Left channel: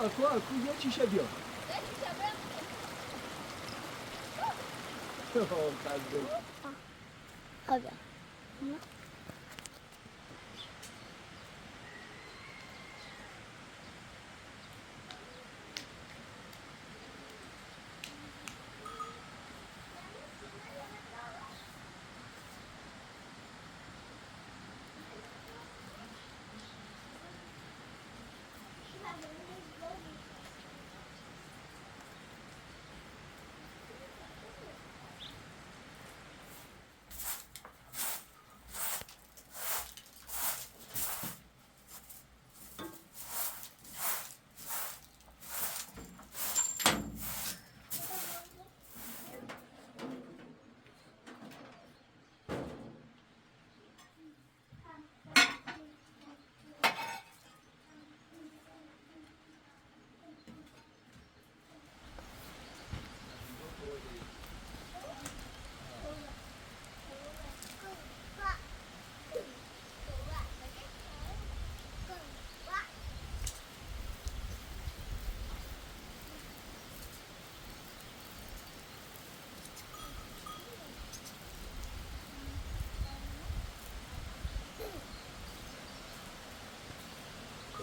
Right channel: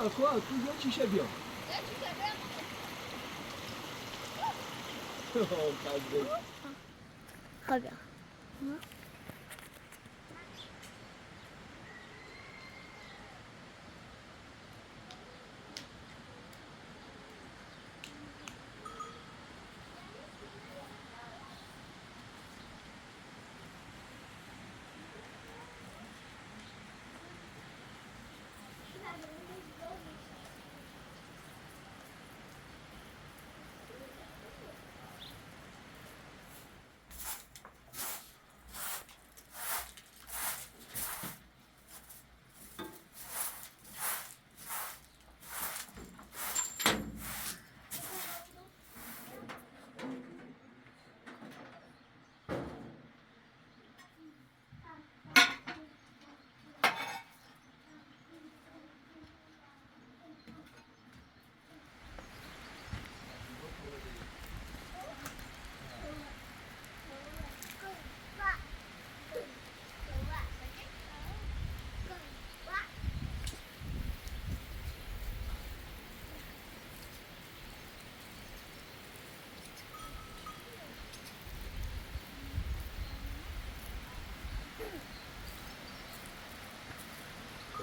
تو یه چیشه بیا خب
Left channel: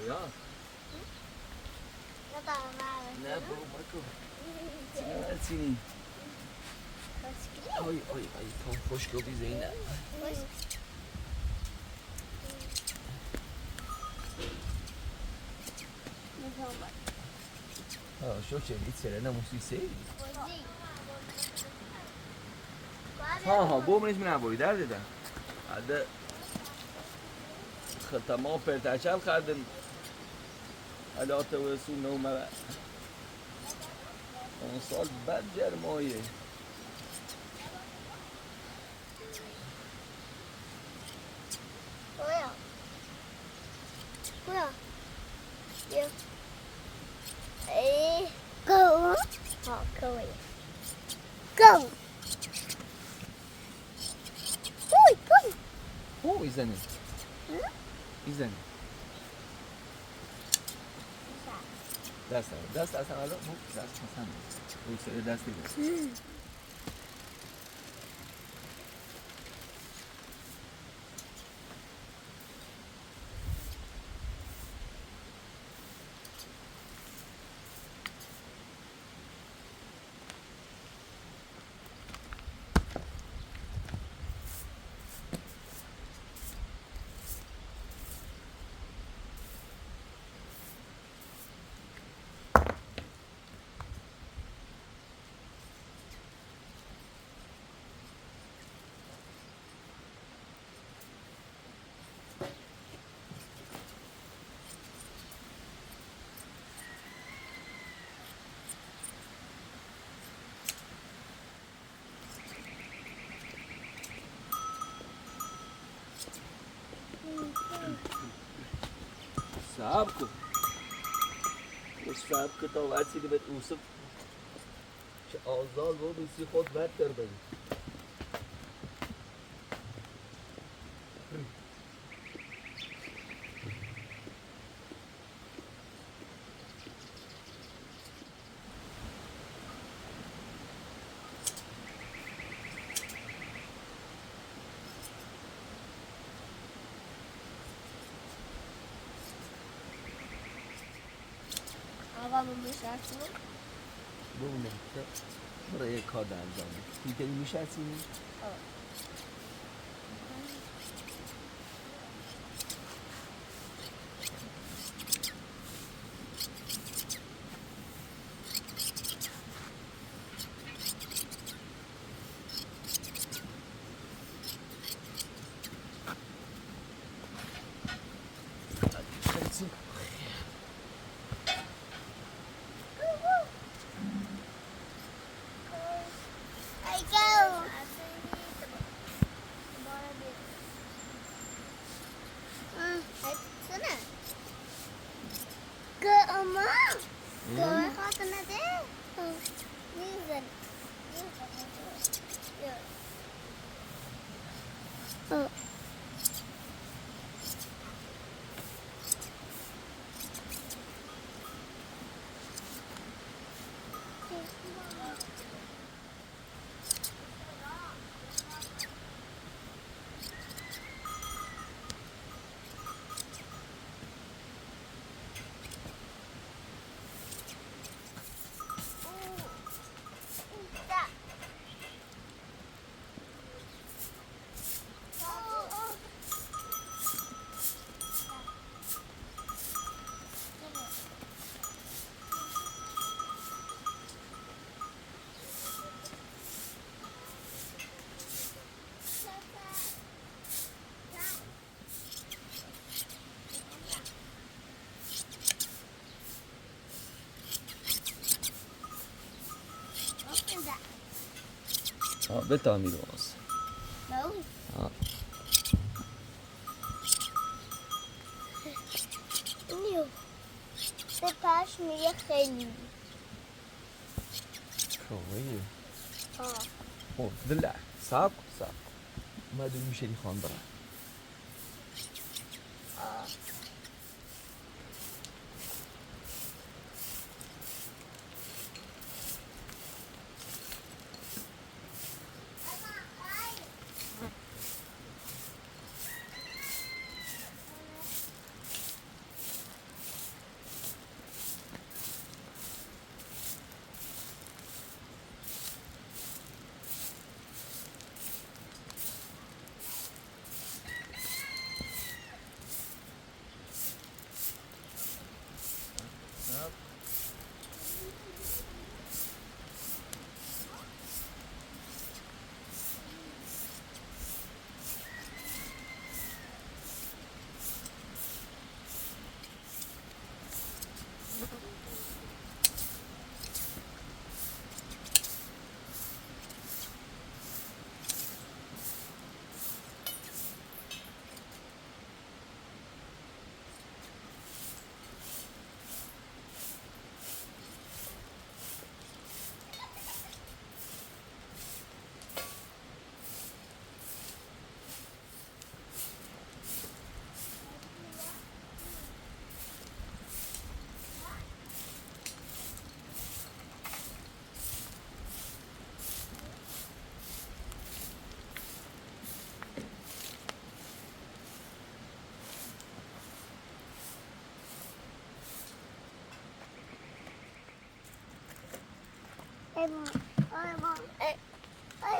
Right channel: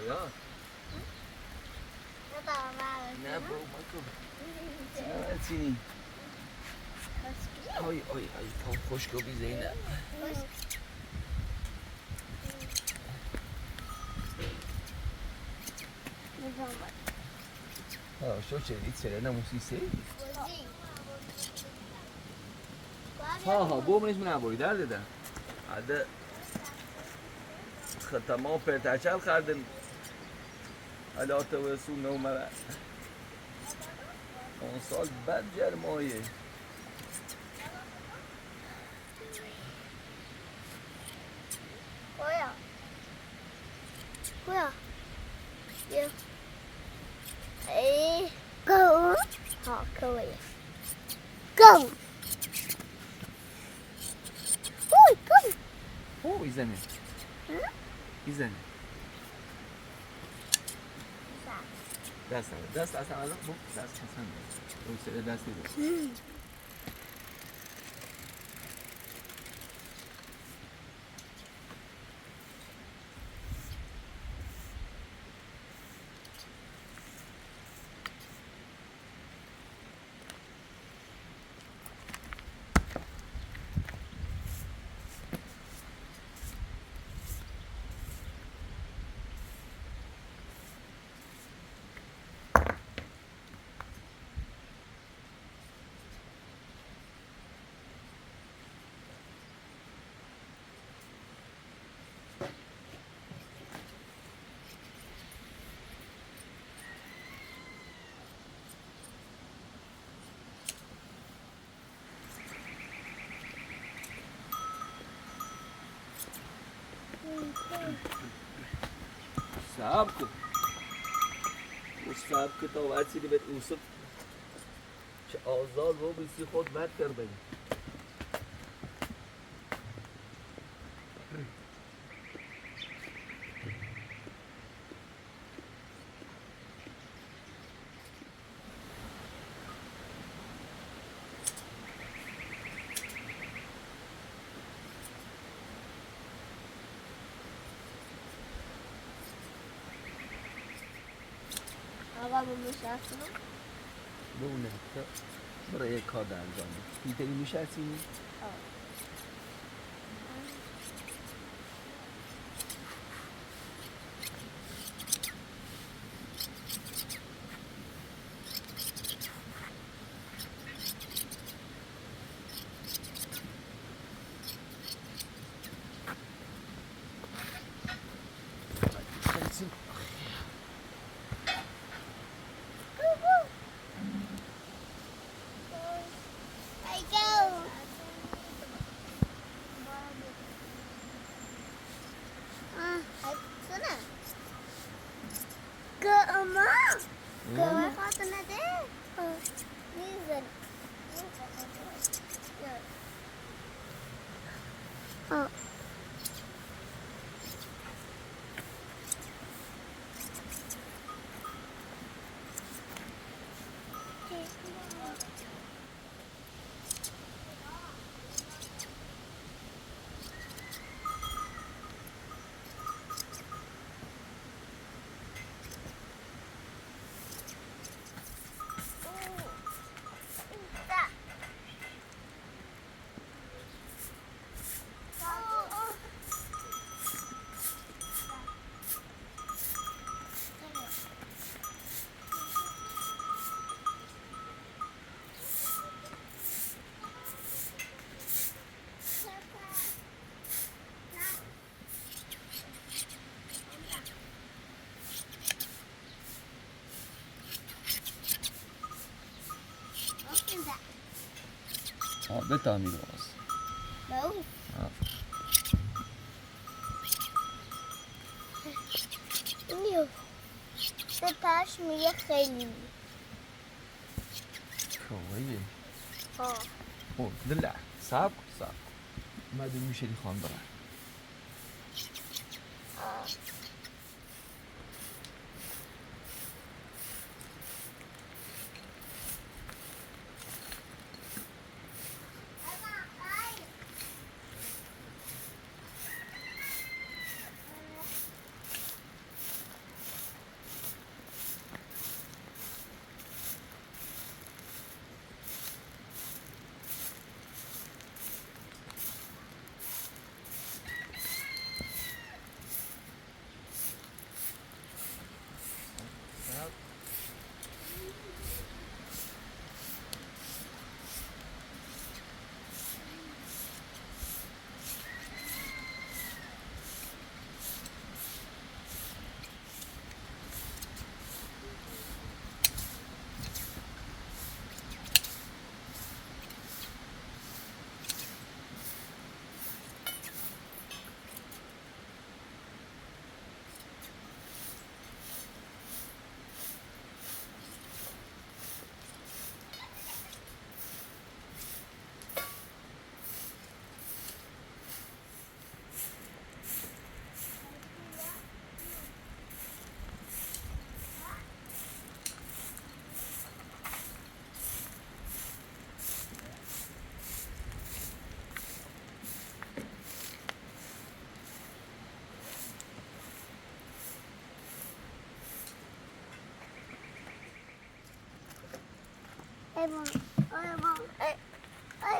کجا؟ نه بابا نه چینی آی پام خشک و بی زینب شو چلی چرا نموسی سی ها بومش من نبایی در دیدم هده تمام پرتشل خردم علات و رسول نومده اون سال بد جرمایه Go. Go. Go. ایزنی ایزنی دست اصلا دست اصلا دست دیگه صبر کن صبر که تا ورسیدی به اوسف چه آزاد رو بیسی خود ورد کرده بونه برای یک کار در انجام بید دیگه میشرسینی؟ بتامیر باز باو اینو به پاش میگه خیلی شویه ها اوه دلع صعب ما دو میشه دی خواهم برم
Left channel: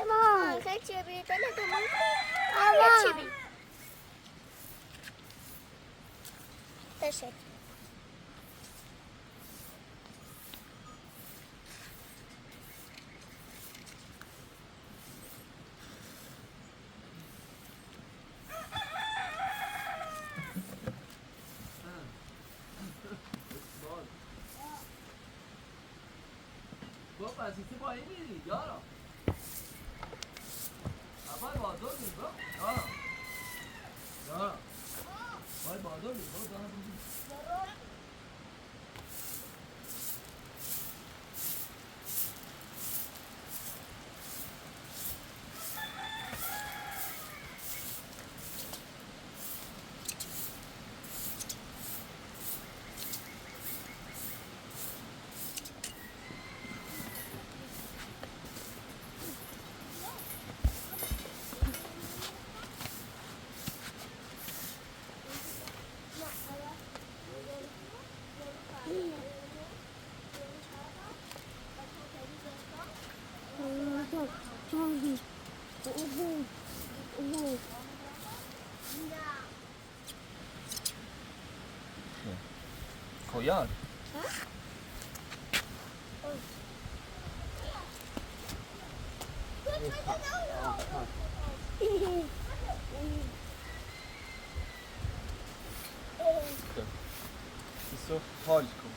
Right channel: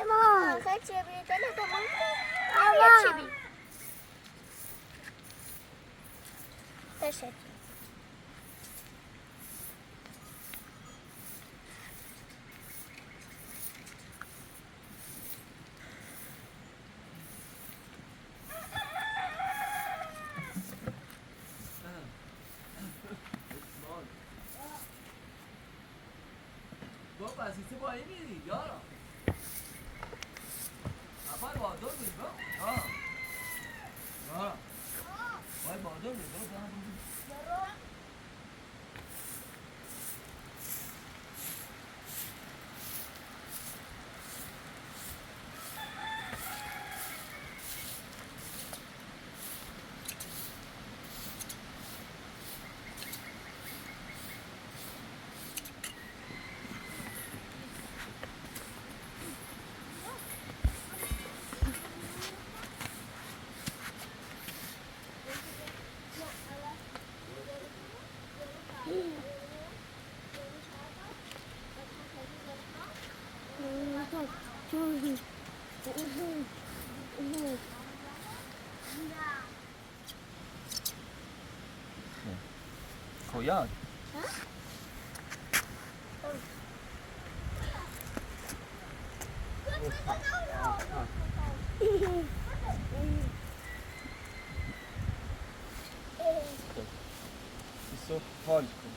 Mom, catch you, baby. Look at Mom. Catch you. Fish it. عزیزی با این میری یارا اول بادر میری برو یارا باید بادر میری برو کویان ایسو حال کن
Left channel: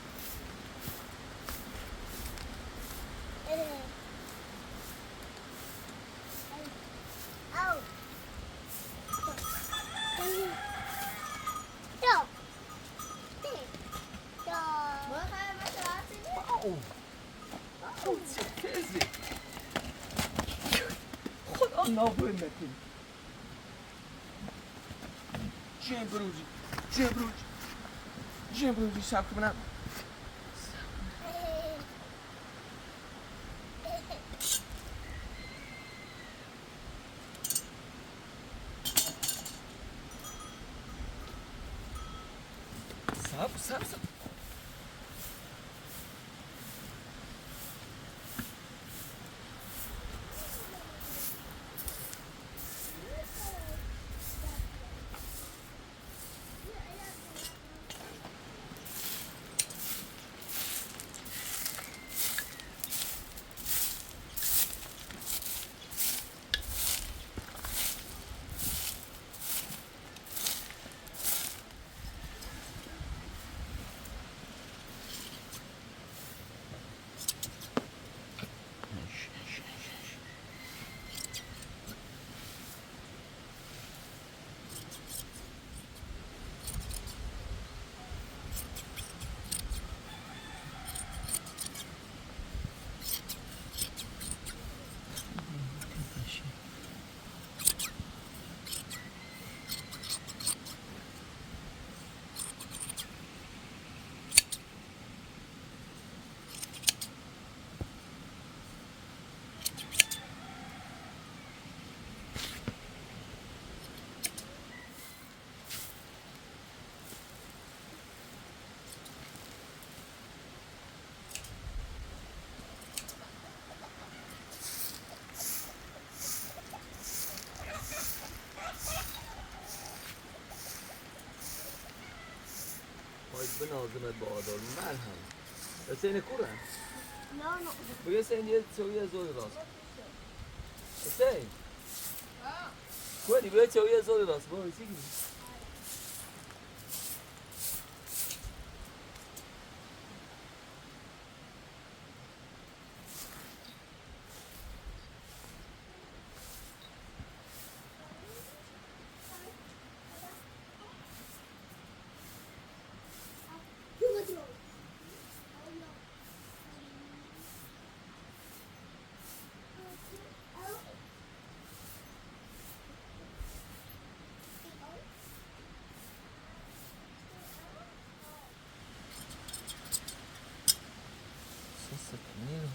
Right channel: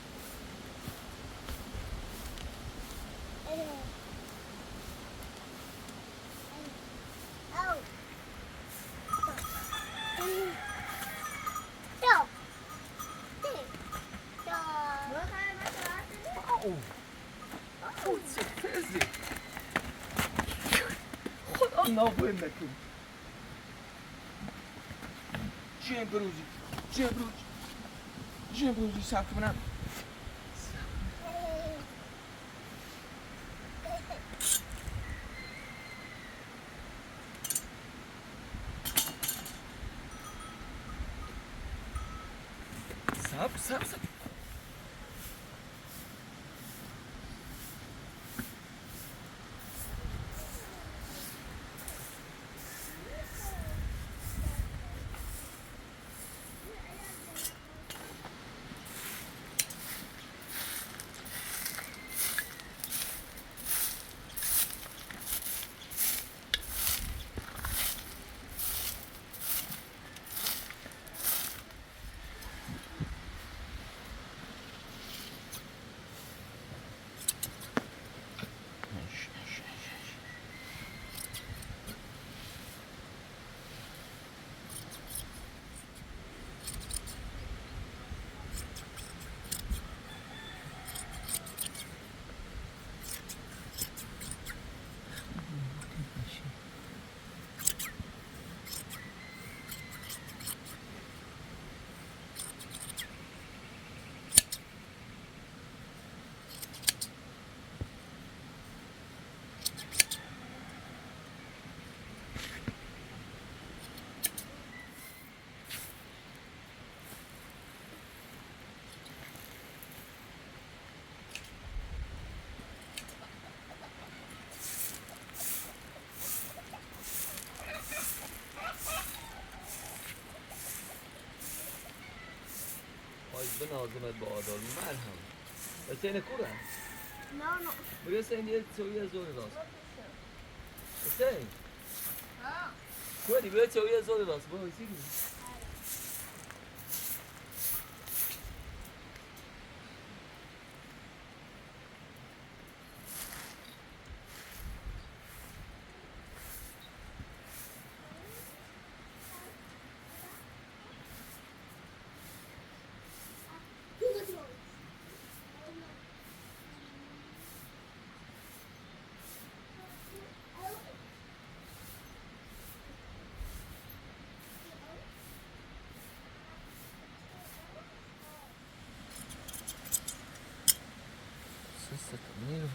خدا نابوی نکن جیم بروجی سب کنم سب نازمت با آدابی مرهم حسین کورم نه نه بگه حسین یه چوی از زور راست حسین کنی بگه چوی از زور راست با حسین Nossa, caminho.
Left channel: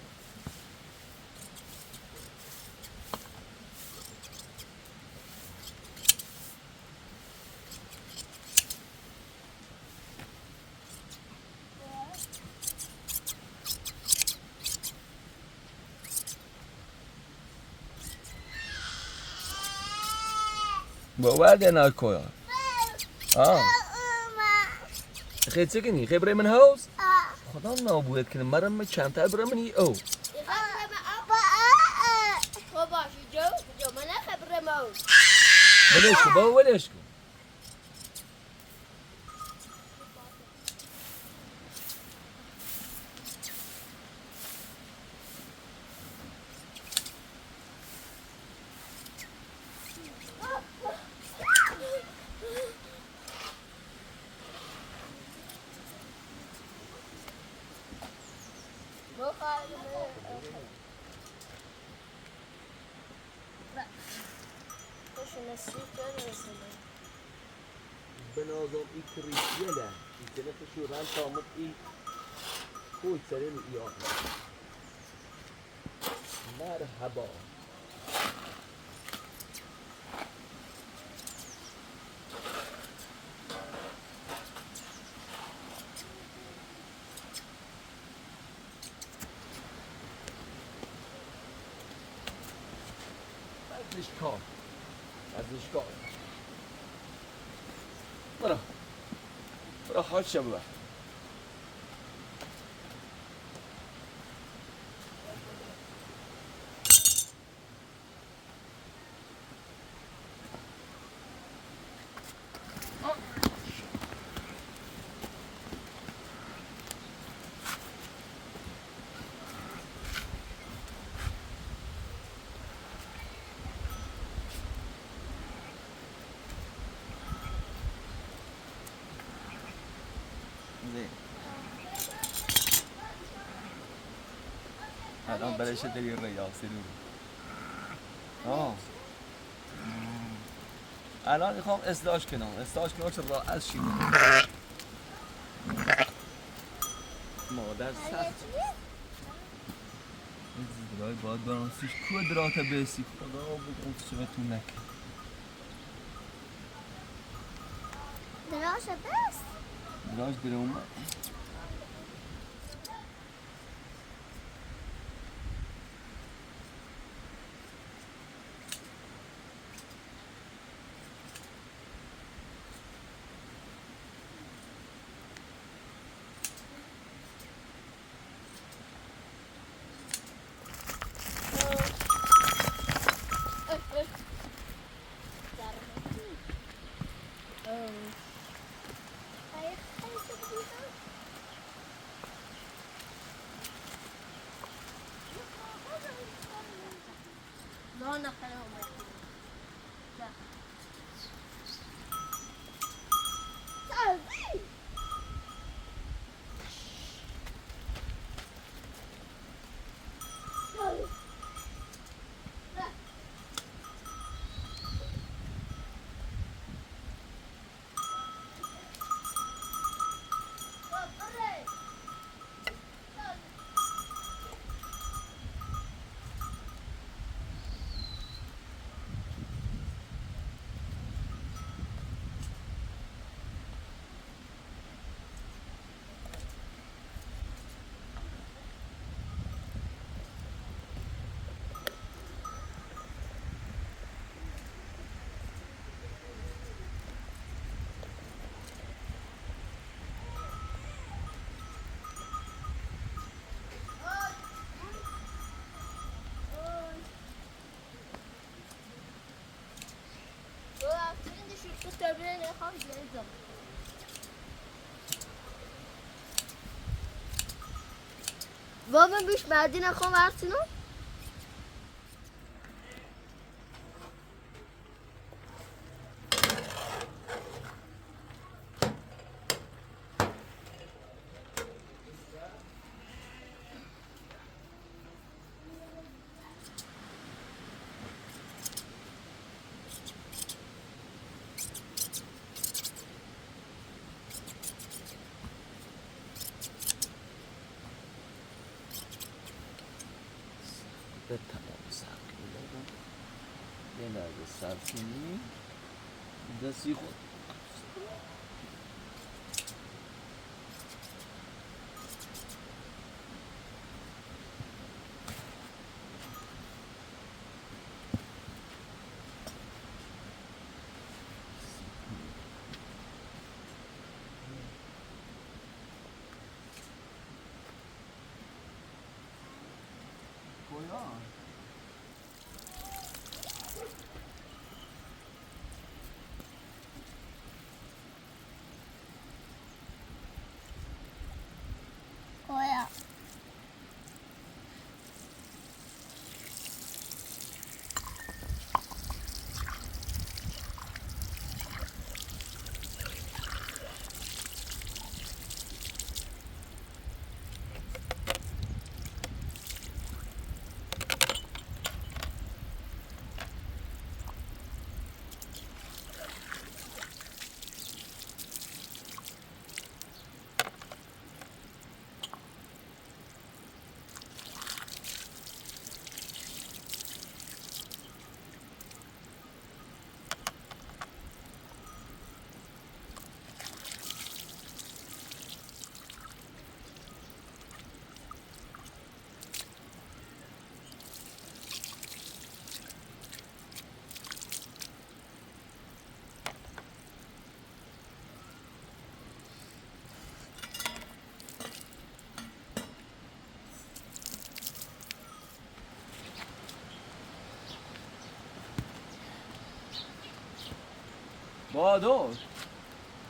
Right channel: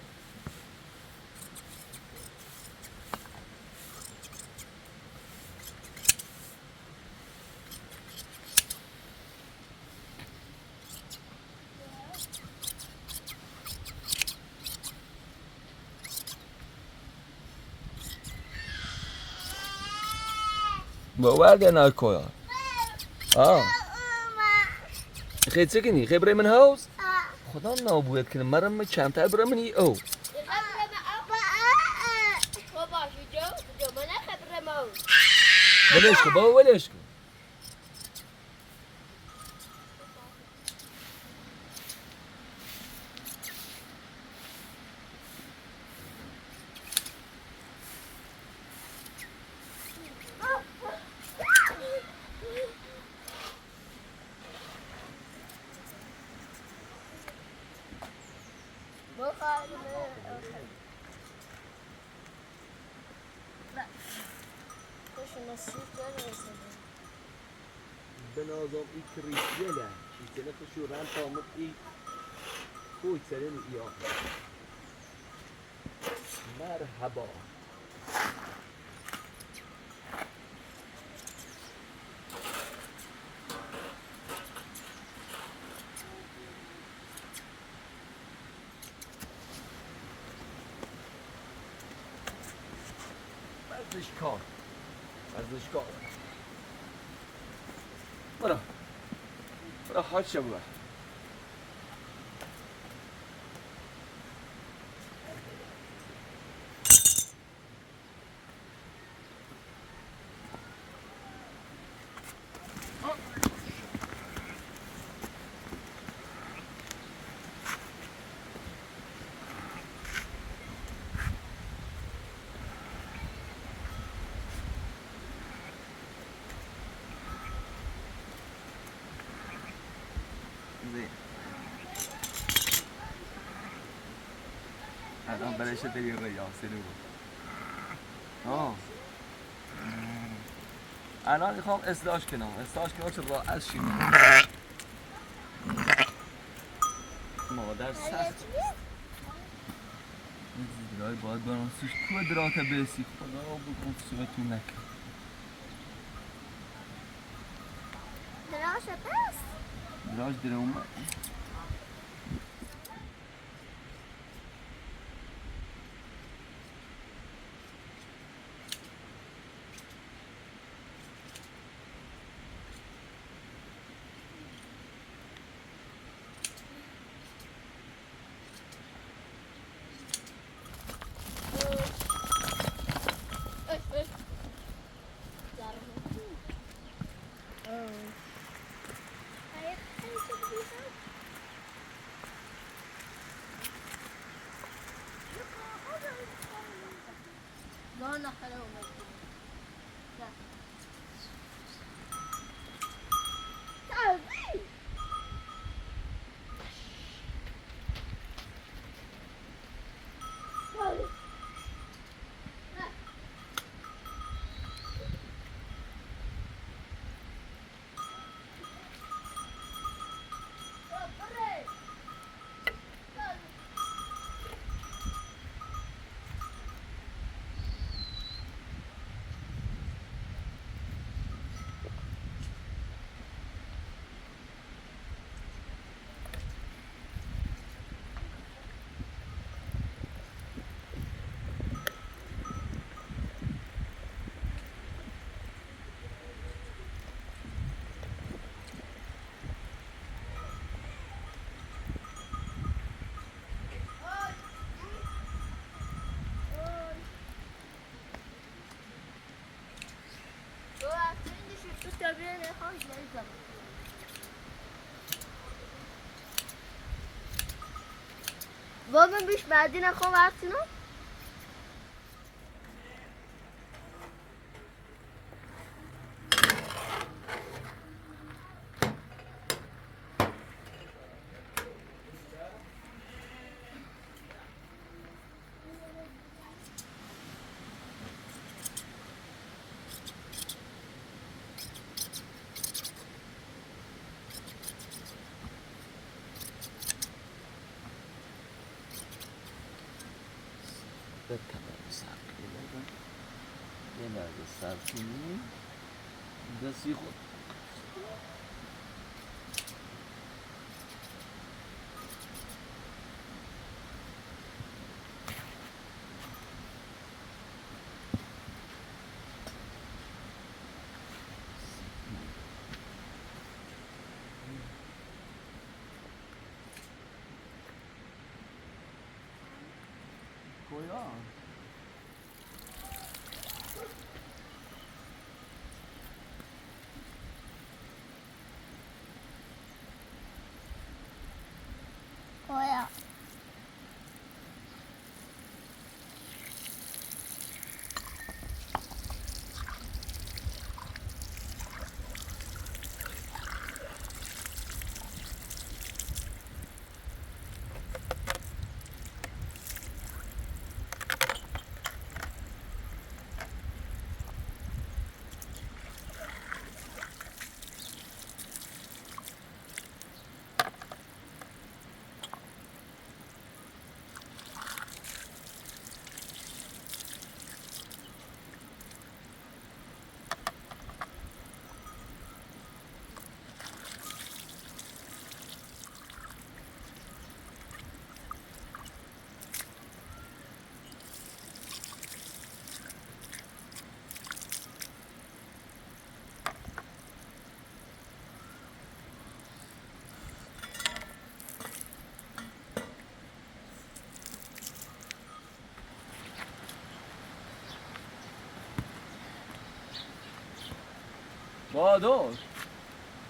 باور naar koja. Ah. Geet zeker niet. Geef er in mijn huis. خدا نابود کنه مرم چند تا برم نی او ولش کن بابا ولش کن بنازم این کریسیله این کنه فشورن تامت این خوش سرین یا مرحبا ورزشکار ورزشکار برا حاج شبه الان برایش دلی ریاسی بود الان میخوام اصلاحش کنم چه راحت شیم مادر سخت این زیدرهای باید برانسیش کوه درات بیسی خدا بگم سوچتون نکن دراش بست دراش در اومد بابا بیش بعدی نخواه ورسینو به تمام صبر کردم یه لحظه صبر کنیم دستی خود کجا؟ کجا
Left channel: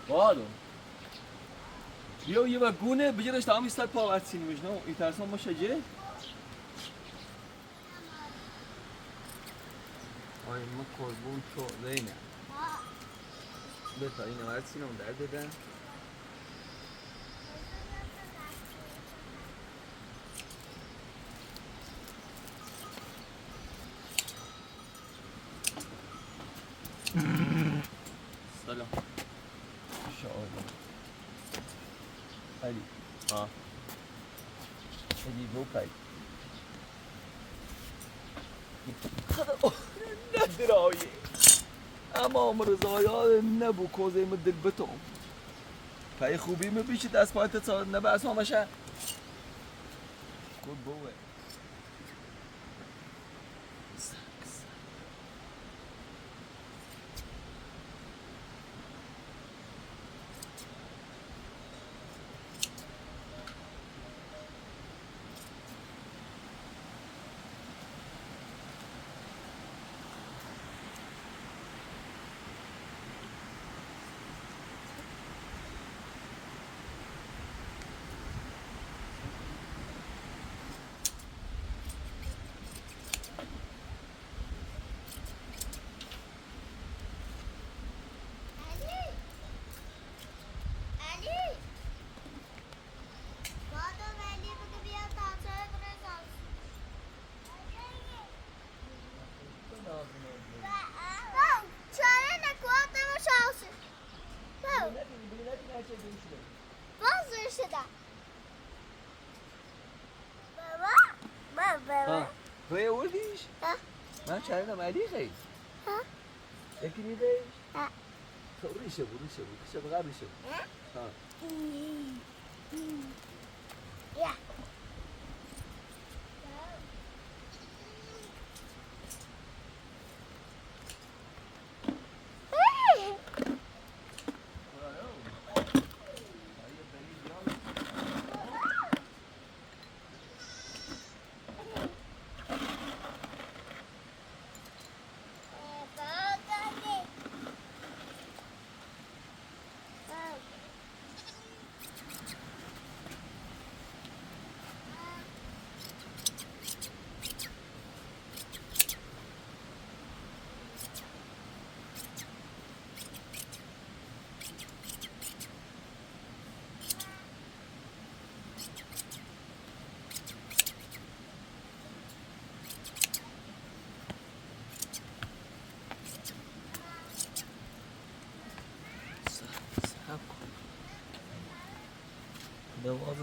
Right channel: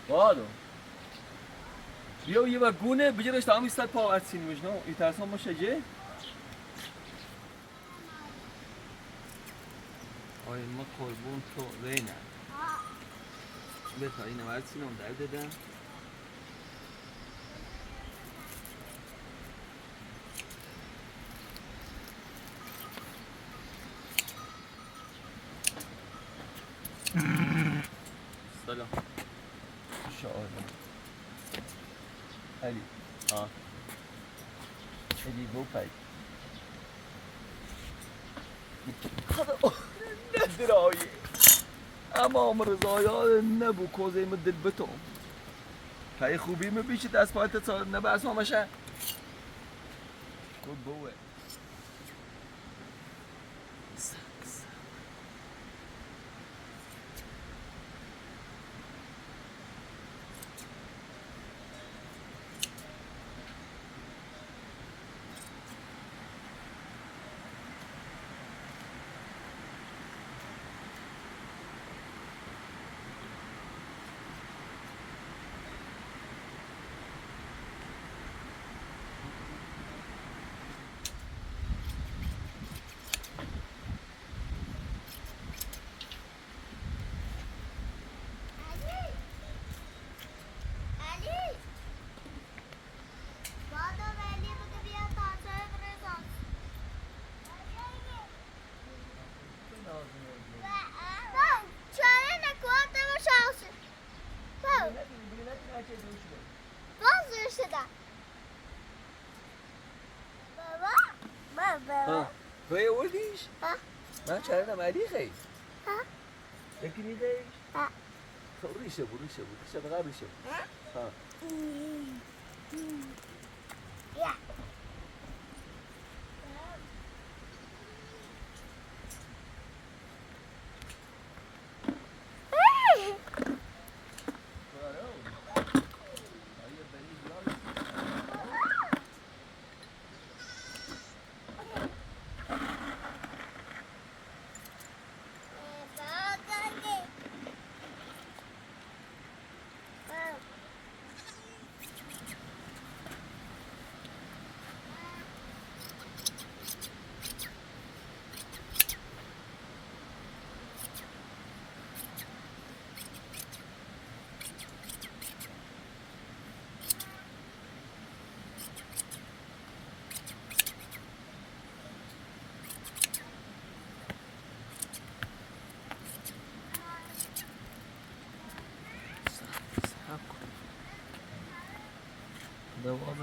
بادو بیا یه و گونه بجرش تمام استاد پاورسین مجنو ایترسان ما شجه آی ما قربون تو لینا بتا اینو ورسین اون در دادم سلام شاءالله علی علی گو پای ندرایی اما رضایان نبو کوزه مدل بتوم پای خوبی میبیشی دست پایت نبه اسما مشه خود بوه توی اولدیش؟ من چرا نمالی خیلی؟ یکی میده؟ تو ریشه بقیه ریشه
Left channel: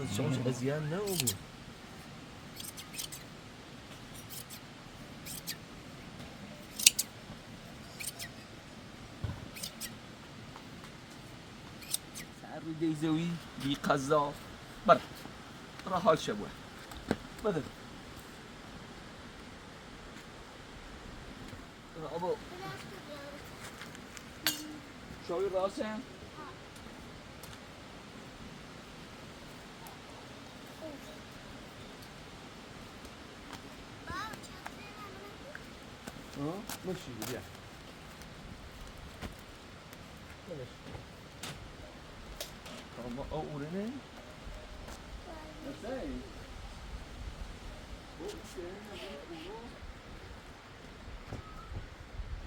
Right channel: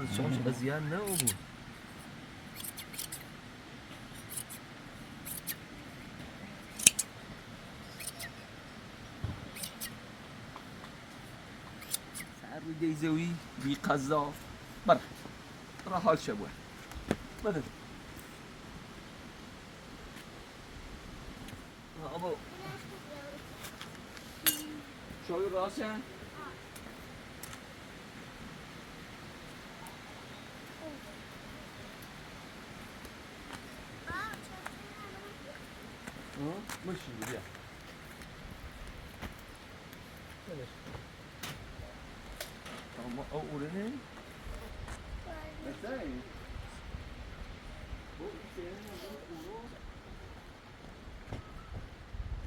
روز شامش قضیه نه بود. سر رو دیزوی بی قضا بره حال شبوه بده ابو شوی راسه ماشي بيها طب اول هنا ازاي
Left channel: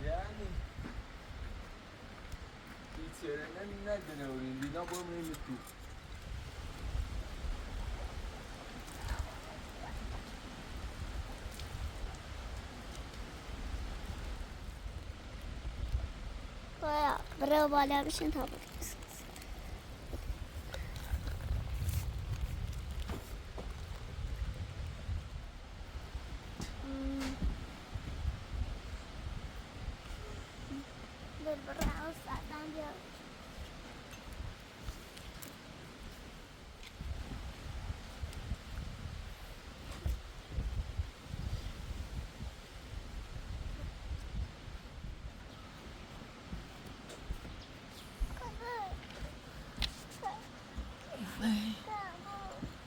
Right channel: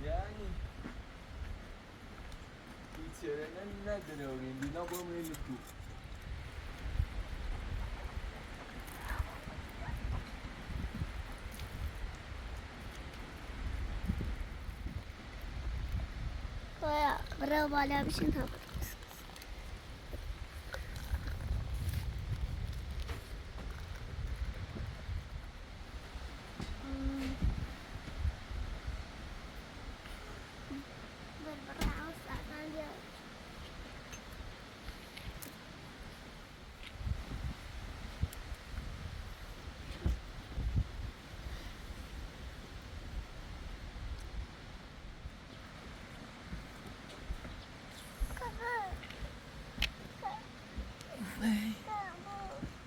يعني بيتسرنا ندنورين بينا بوم يمتو برای بالا بشین تا بود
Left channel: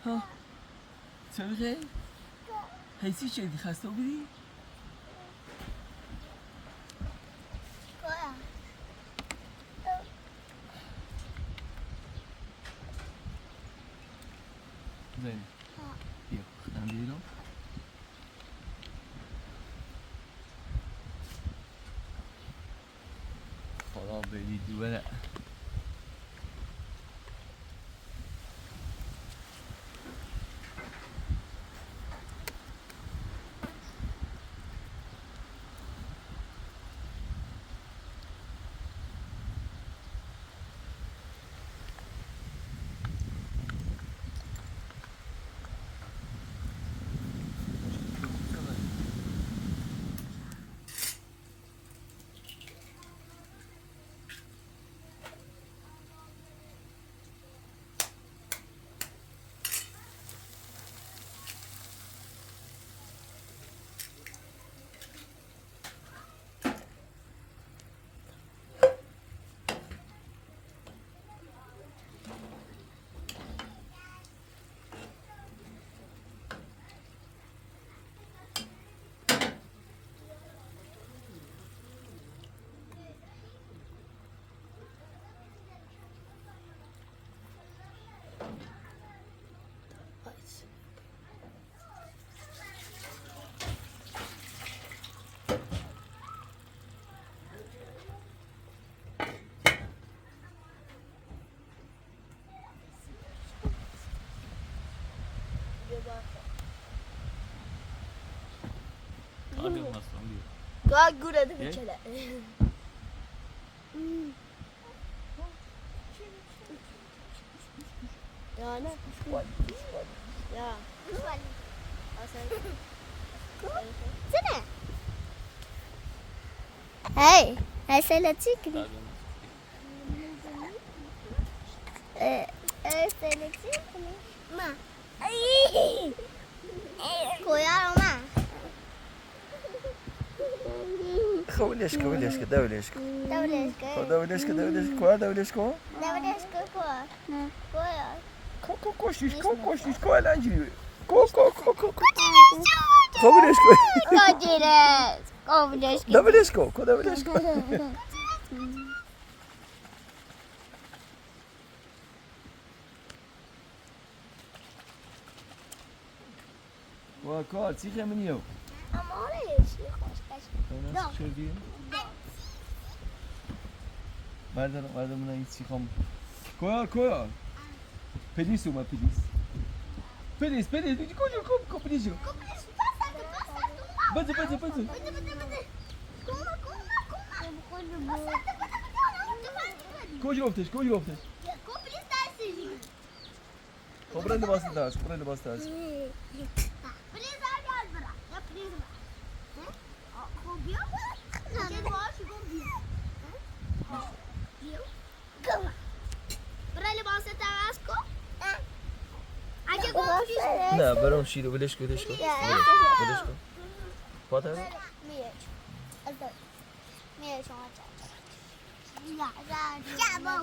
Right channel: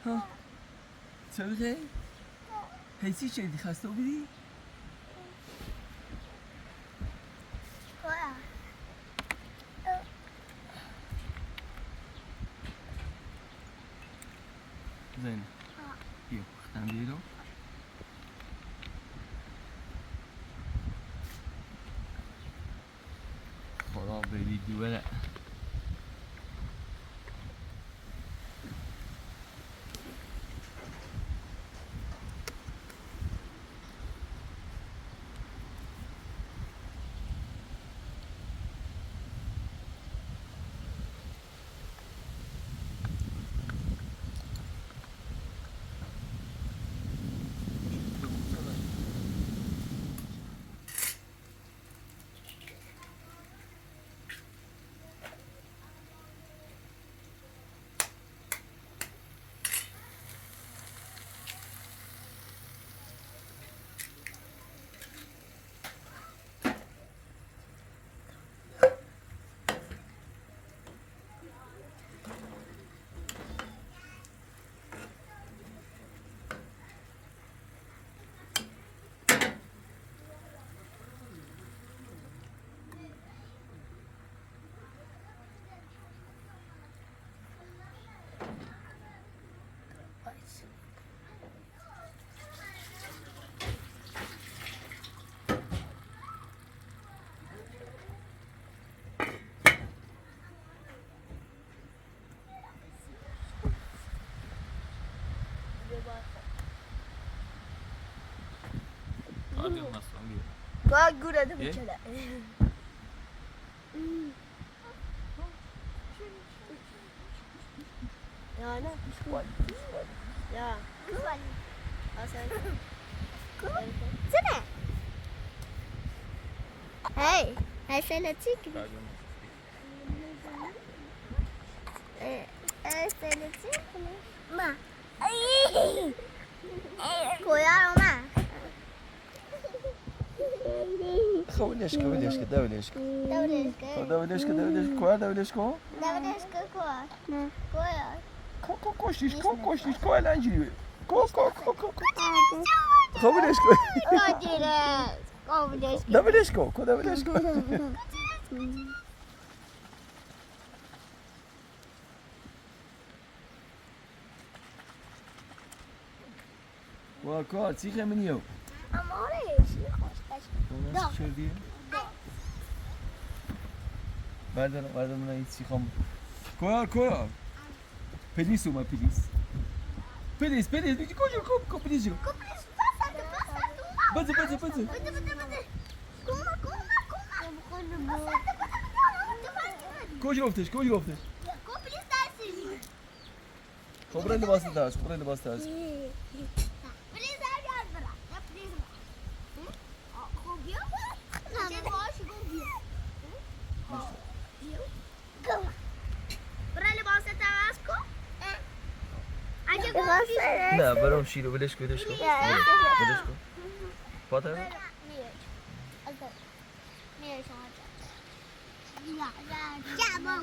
ها سوخه حیثی شدی خسته بودی؟ زين بيو خدام ديرو خلاص بيدي ولا Bak burada bir kere. Ya ne? Ya. سنة هاي هاي سلتيك سلتيك ما كويا ما خوليش كوليش كدوليش دوليش دوليش كدوليش كوا دوليش كوا دوليش كويا كويا كو كوشيش كو كوشيش كوا لانجي كو كو كو كو خوليش كو كويس دوليش كو كو دوليش كو وكوا تيجي منيو اموريش خوش Nasıl şey diye? Nereden buna hiç çıkam. Koy. Pelis uma pelis. Pelis, bir koy pelis. Bazı. Koy ofteş. خب برای لباس درس برای لباس درس پلیز هر برا یا پلیز خب بیا چه باشه بیا برای لباس درس کن اگه گفتی نه برام شیرو ولش کن ولش کن فاطمه میره شما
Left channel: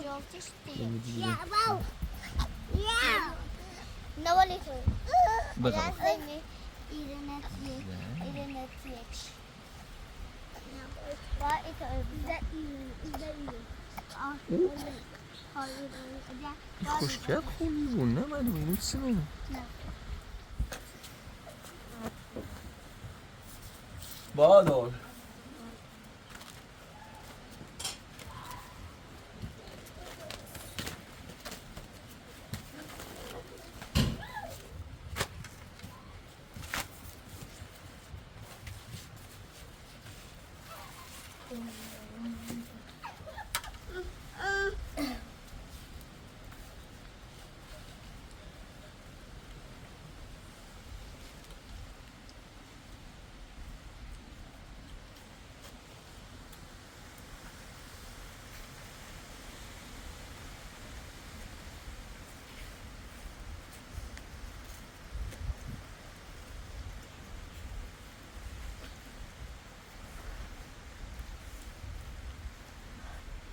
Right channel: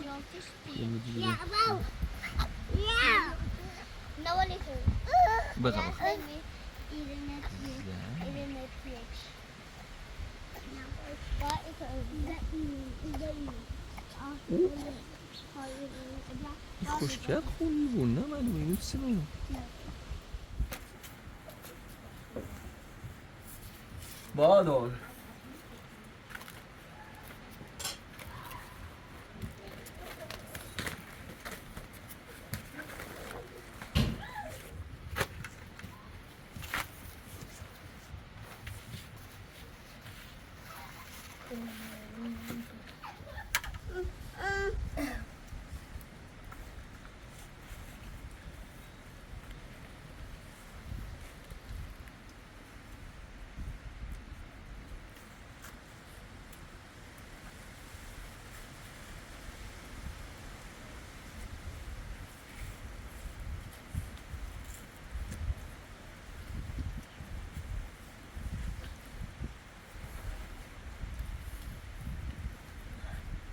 نه ولی تو بخواه خوشگل خونی بود نه من اینو سنو بادار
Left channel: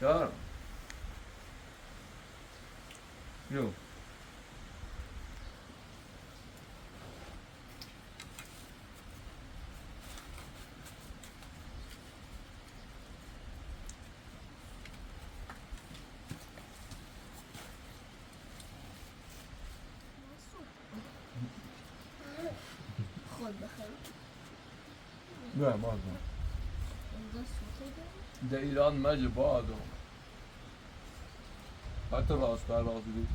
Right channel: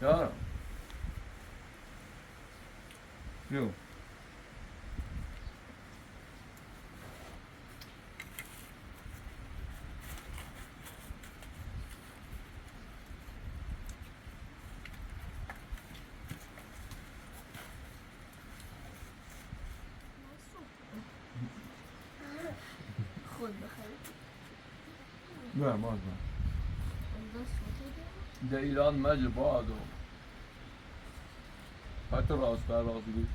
Ja. Jo. خود بخیر نه ما در ایران مجل بادو حتی راست بر رازی بود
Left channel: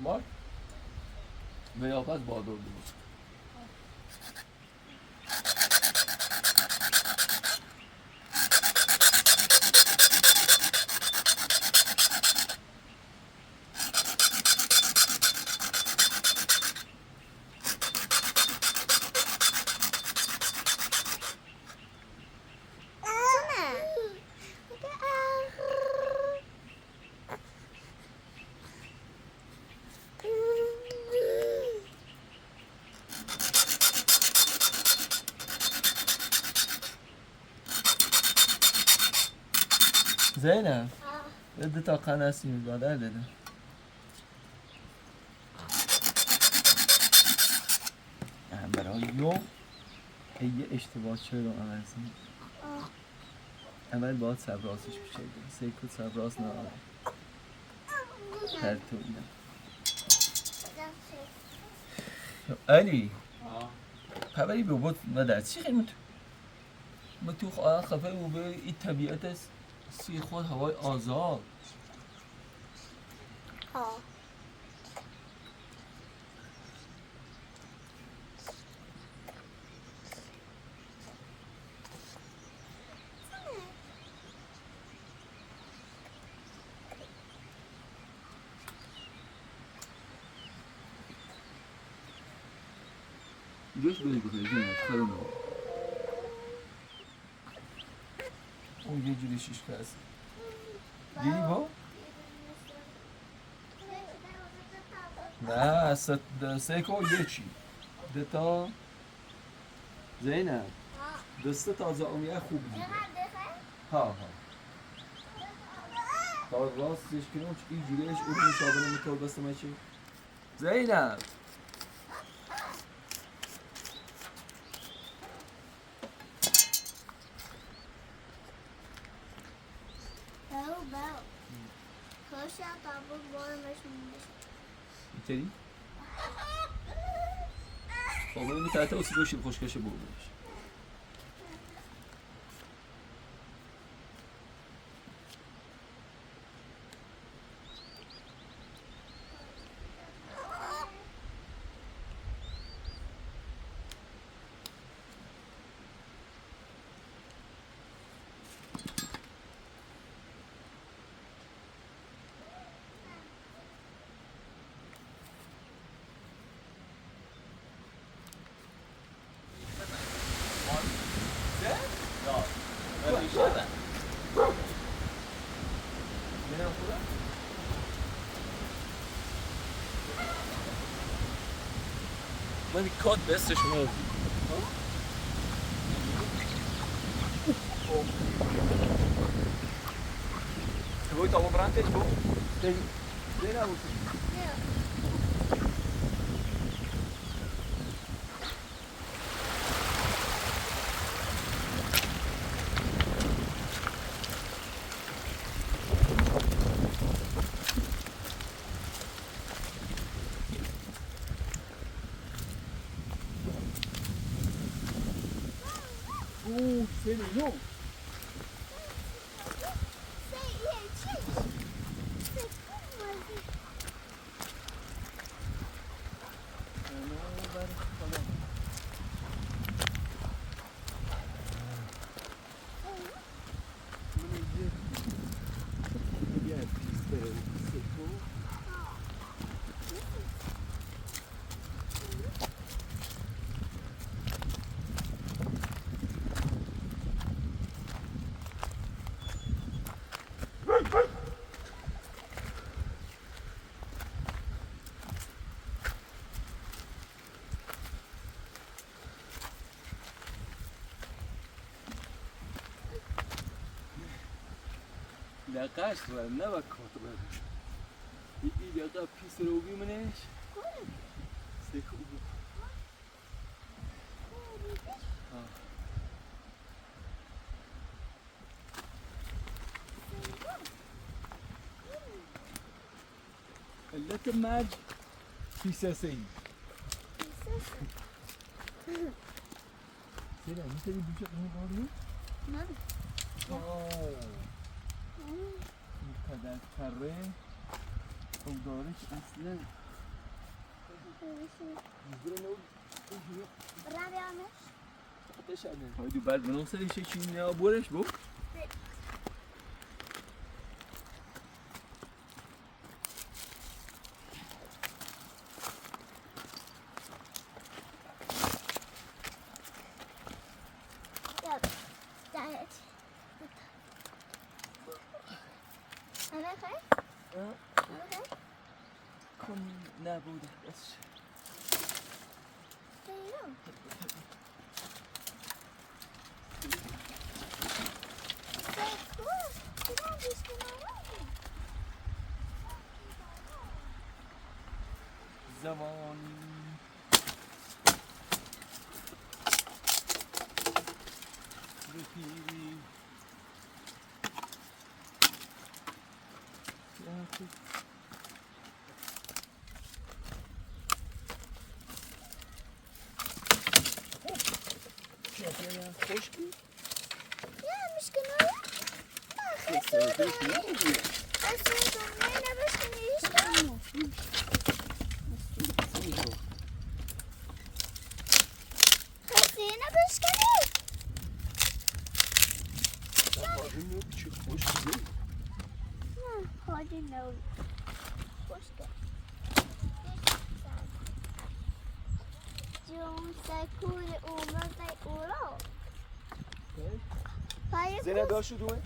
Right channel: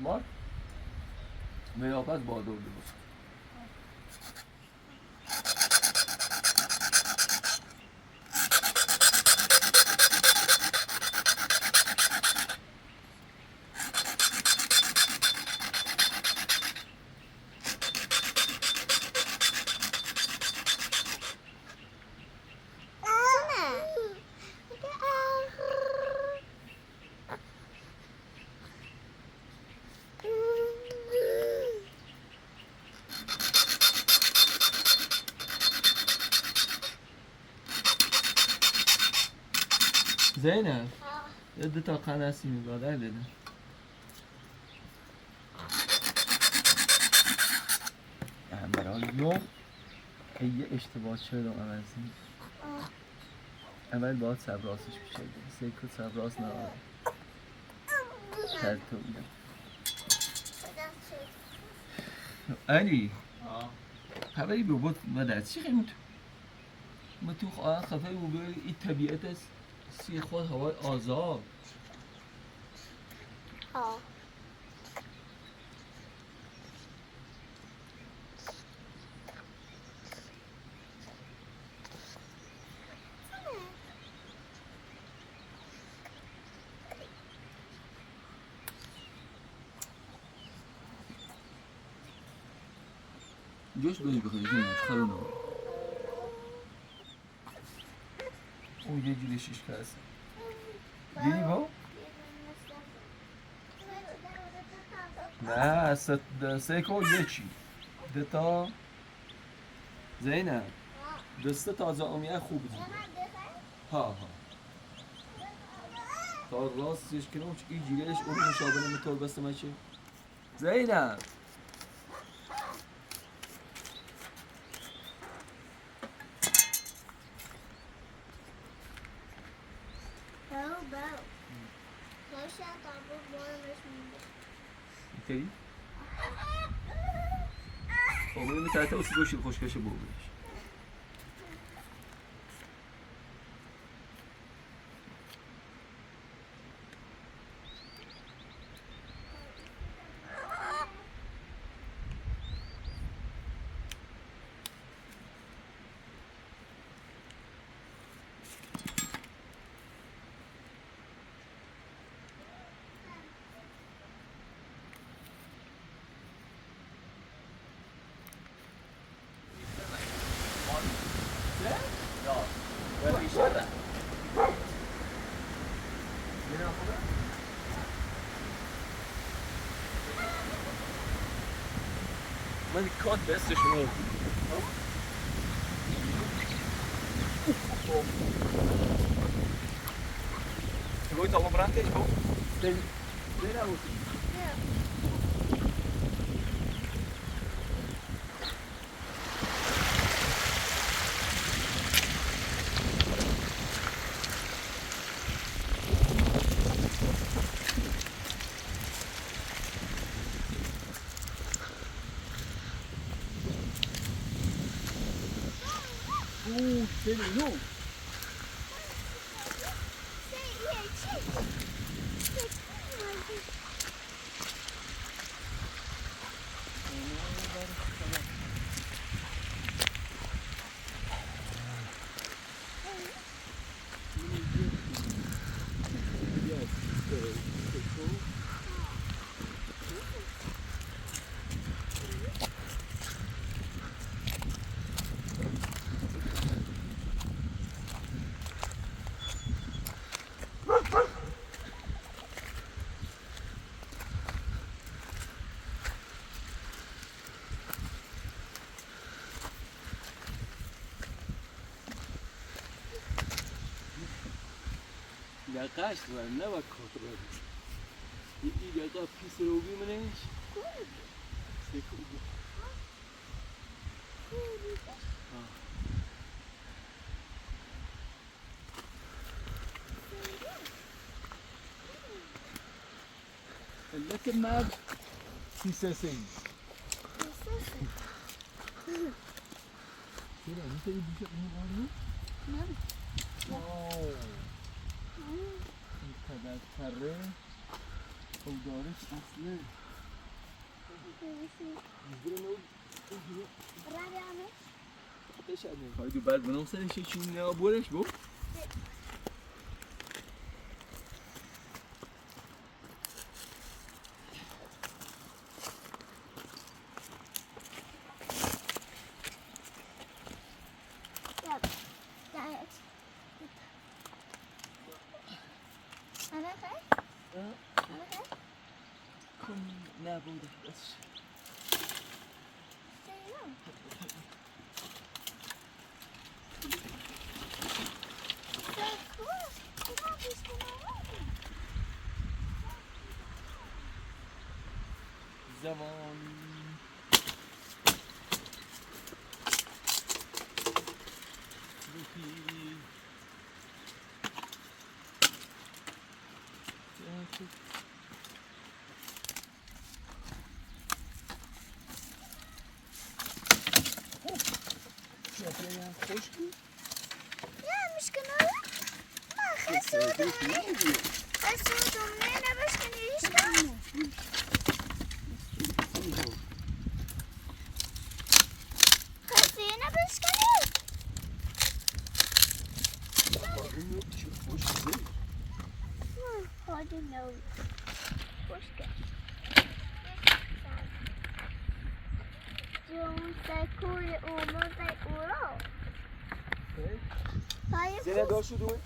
ما نیاپس بادو بود زینب یه دو تا قنسی میباده داده برای یوم یه اشتباه چرا عوضی اول باید سبراسش بشه سیکو سبراس نه ترتو اینا علی خبری به بود مدرد چی خیلی ما تو خفه و به این طبیعت است سی خود هوای آزاد جوش بری بخوری جونش خیلی نمید اون یه جوری شیشکه هست دیدی با؟ نه سه یکی دو تا زینب دسته تازه امیه خوب بوده ها تا راستش کنم این جوریش اون مشابه نمیتور بسته مچه زینب اینطوری؟ بابا این تحت اسی باشی خوشکشه بابایش من کات دستشون Vuoi tavo grande tipo? Bene così. Vedi, no! Yakаш var, ne bak kontrol. İyi ya da pis robi mi ne? Sekuru. اللي ماد في ساسين. كده انت يجي شيء من هذا؟ ما این قدر کره او دارش اصلا هایدو بعد بنوصلش چی یا بورش بو کن نبوده بس زمان رفیقی شاید خوش بود Ya مشكلة ما خسوتم خسوتم نينا باش كنعيشها خسينا باش كنعيش اینو چه خوش بود هادي نوي خوشك جون سكول أولو زي أولو زینه داشت دوه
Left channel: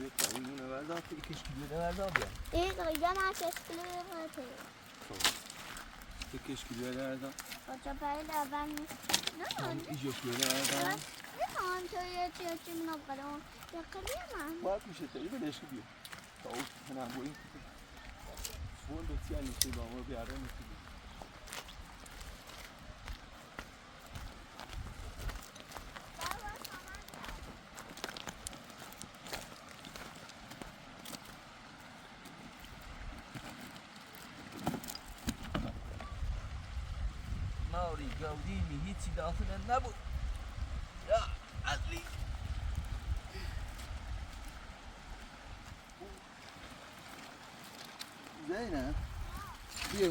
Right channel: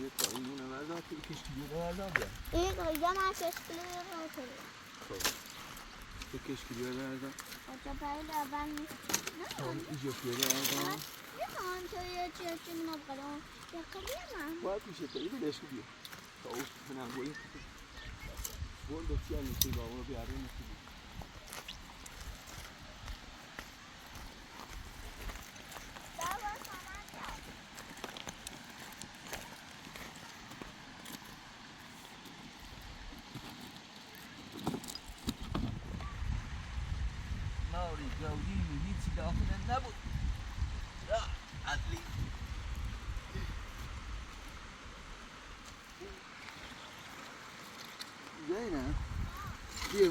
یه پایینونه بردم که کشکیلیه بردم بیا إيه غيّنا شكله غير یه کشکیلیه بردم وجبايل أبان ایجاش بردم نعم توي تيجي من الغلام يا كريمة باید میشه تا اینو بهش بیا او هنم با این بول دستی هم میشه با اونو بیاره میشه ماری جودیمی هیچی داخل نبود یا عدلی زینه بیا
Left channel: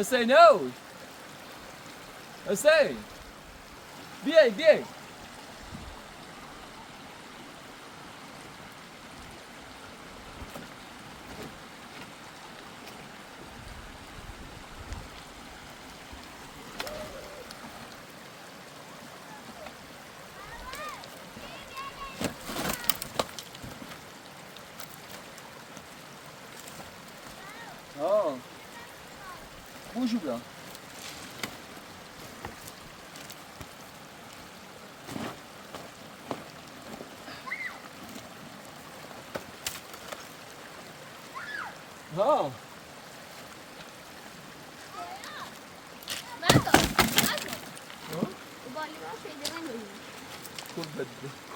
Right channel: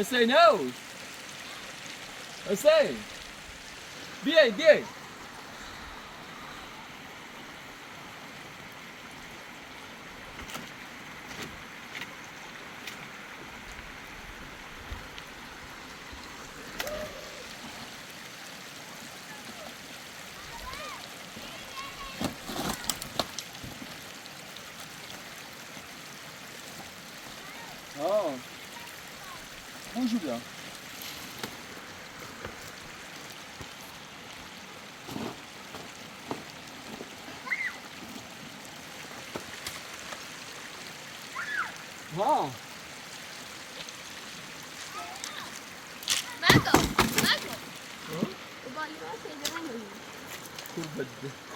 حسین اوش حسین بیای خوشو بیا ها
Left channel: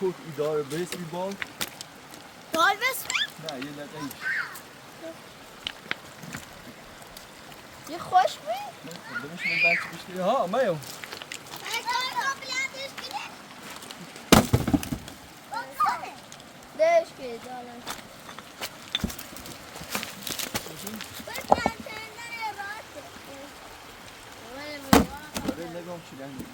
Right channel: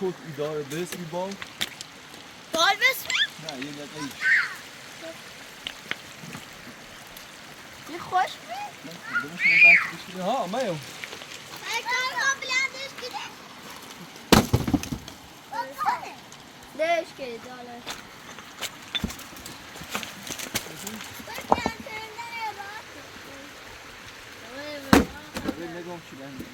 کود اداره بس بی بال بال بس نه یه دقیقه یه خوش بی؟ ها مایو ليش كده ولا نگام چی لنگی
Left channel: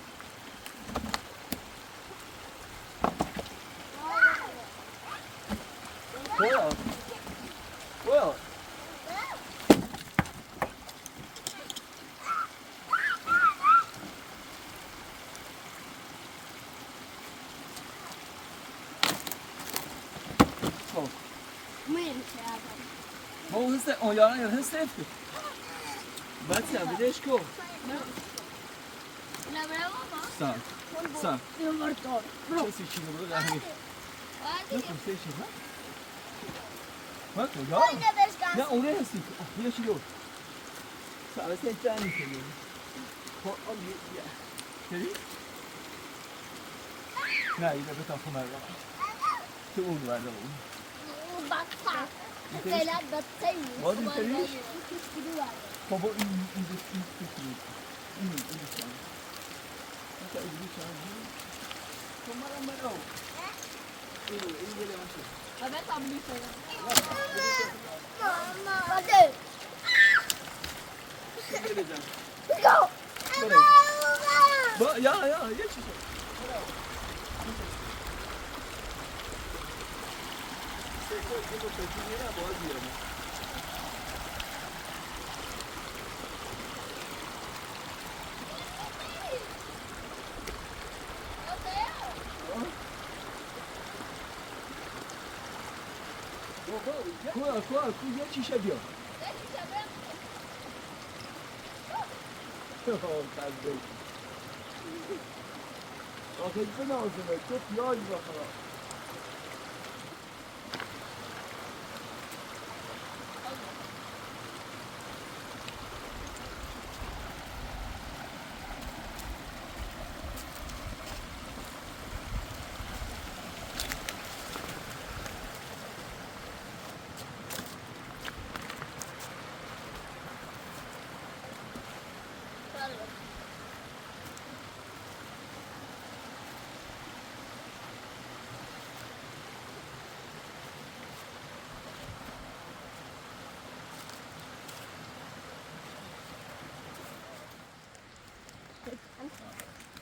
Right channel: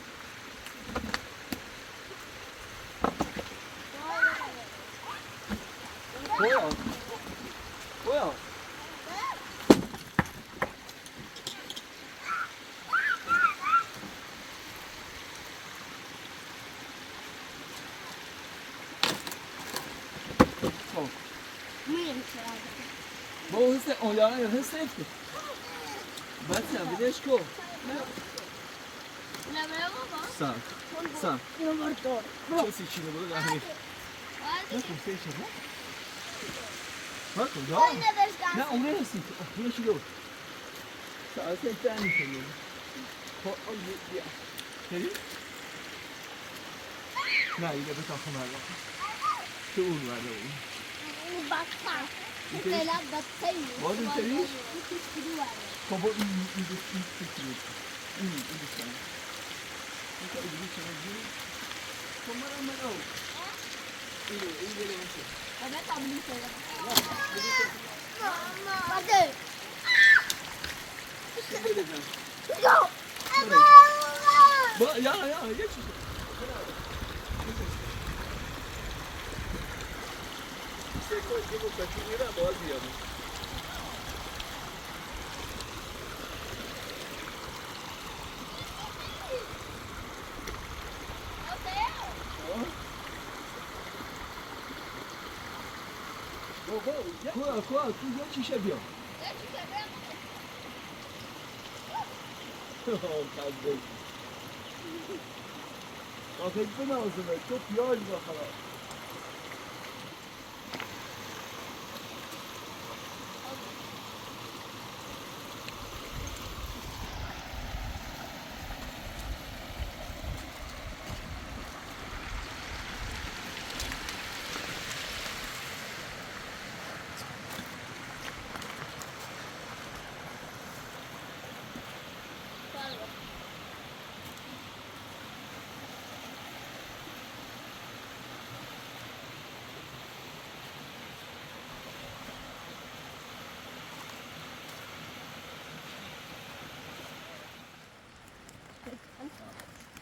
Well. ما اون حس اون حس نفته بچه هم بدهش کو سا کسی چی نبرو نهی نکن سیشه نه نکن نه اونه هستی اونه چی دو سا از این تانی کنی خب بیا هری نه اینه بتا خونه رو تو اون ورده اون فعلا بطيء ما بنتريش طب این فکری این سان انت اودی چه تو مرا این گله باشه انا قبلي كده بطيء این گله جان go با یا یه چیز سکو دیگه تاکی میره باز بیاره کوه یه چیشه بیا آخه بنازمه تو پیاز بخواه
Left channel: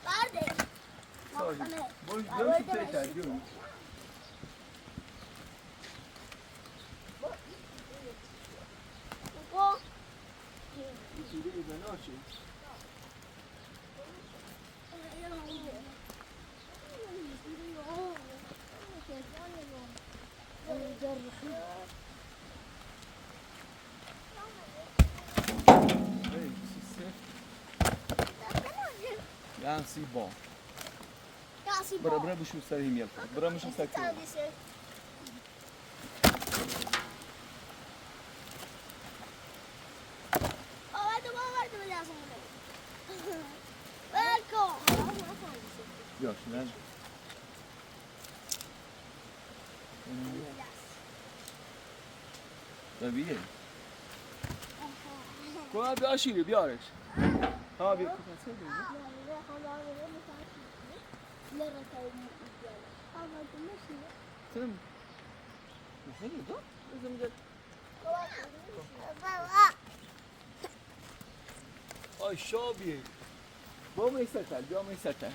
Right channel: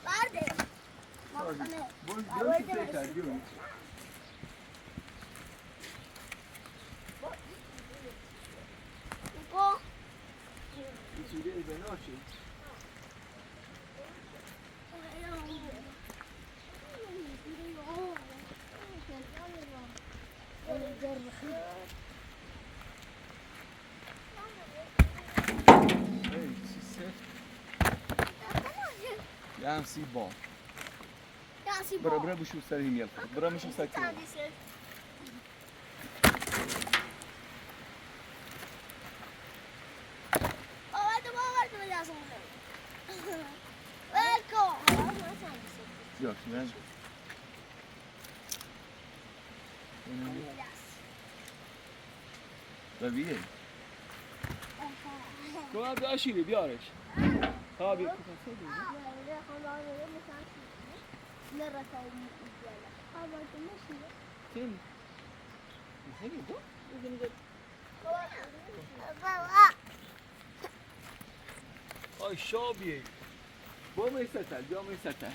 بعد ما خنه هم سی با كاسي برا بشوف سرهم يلقى برا مش مسكر يا شنان ببيه تو بیاشی بیارش ها بیا آی شابی با میستل بیا میستل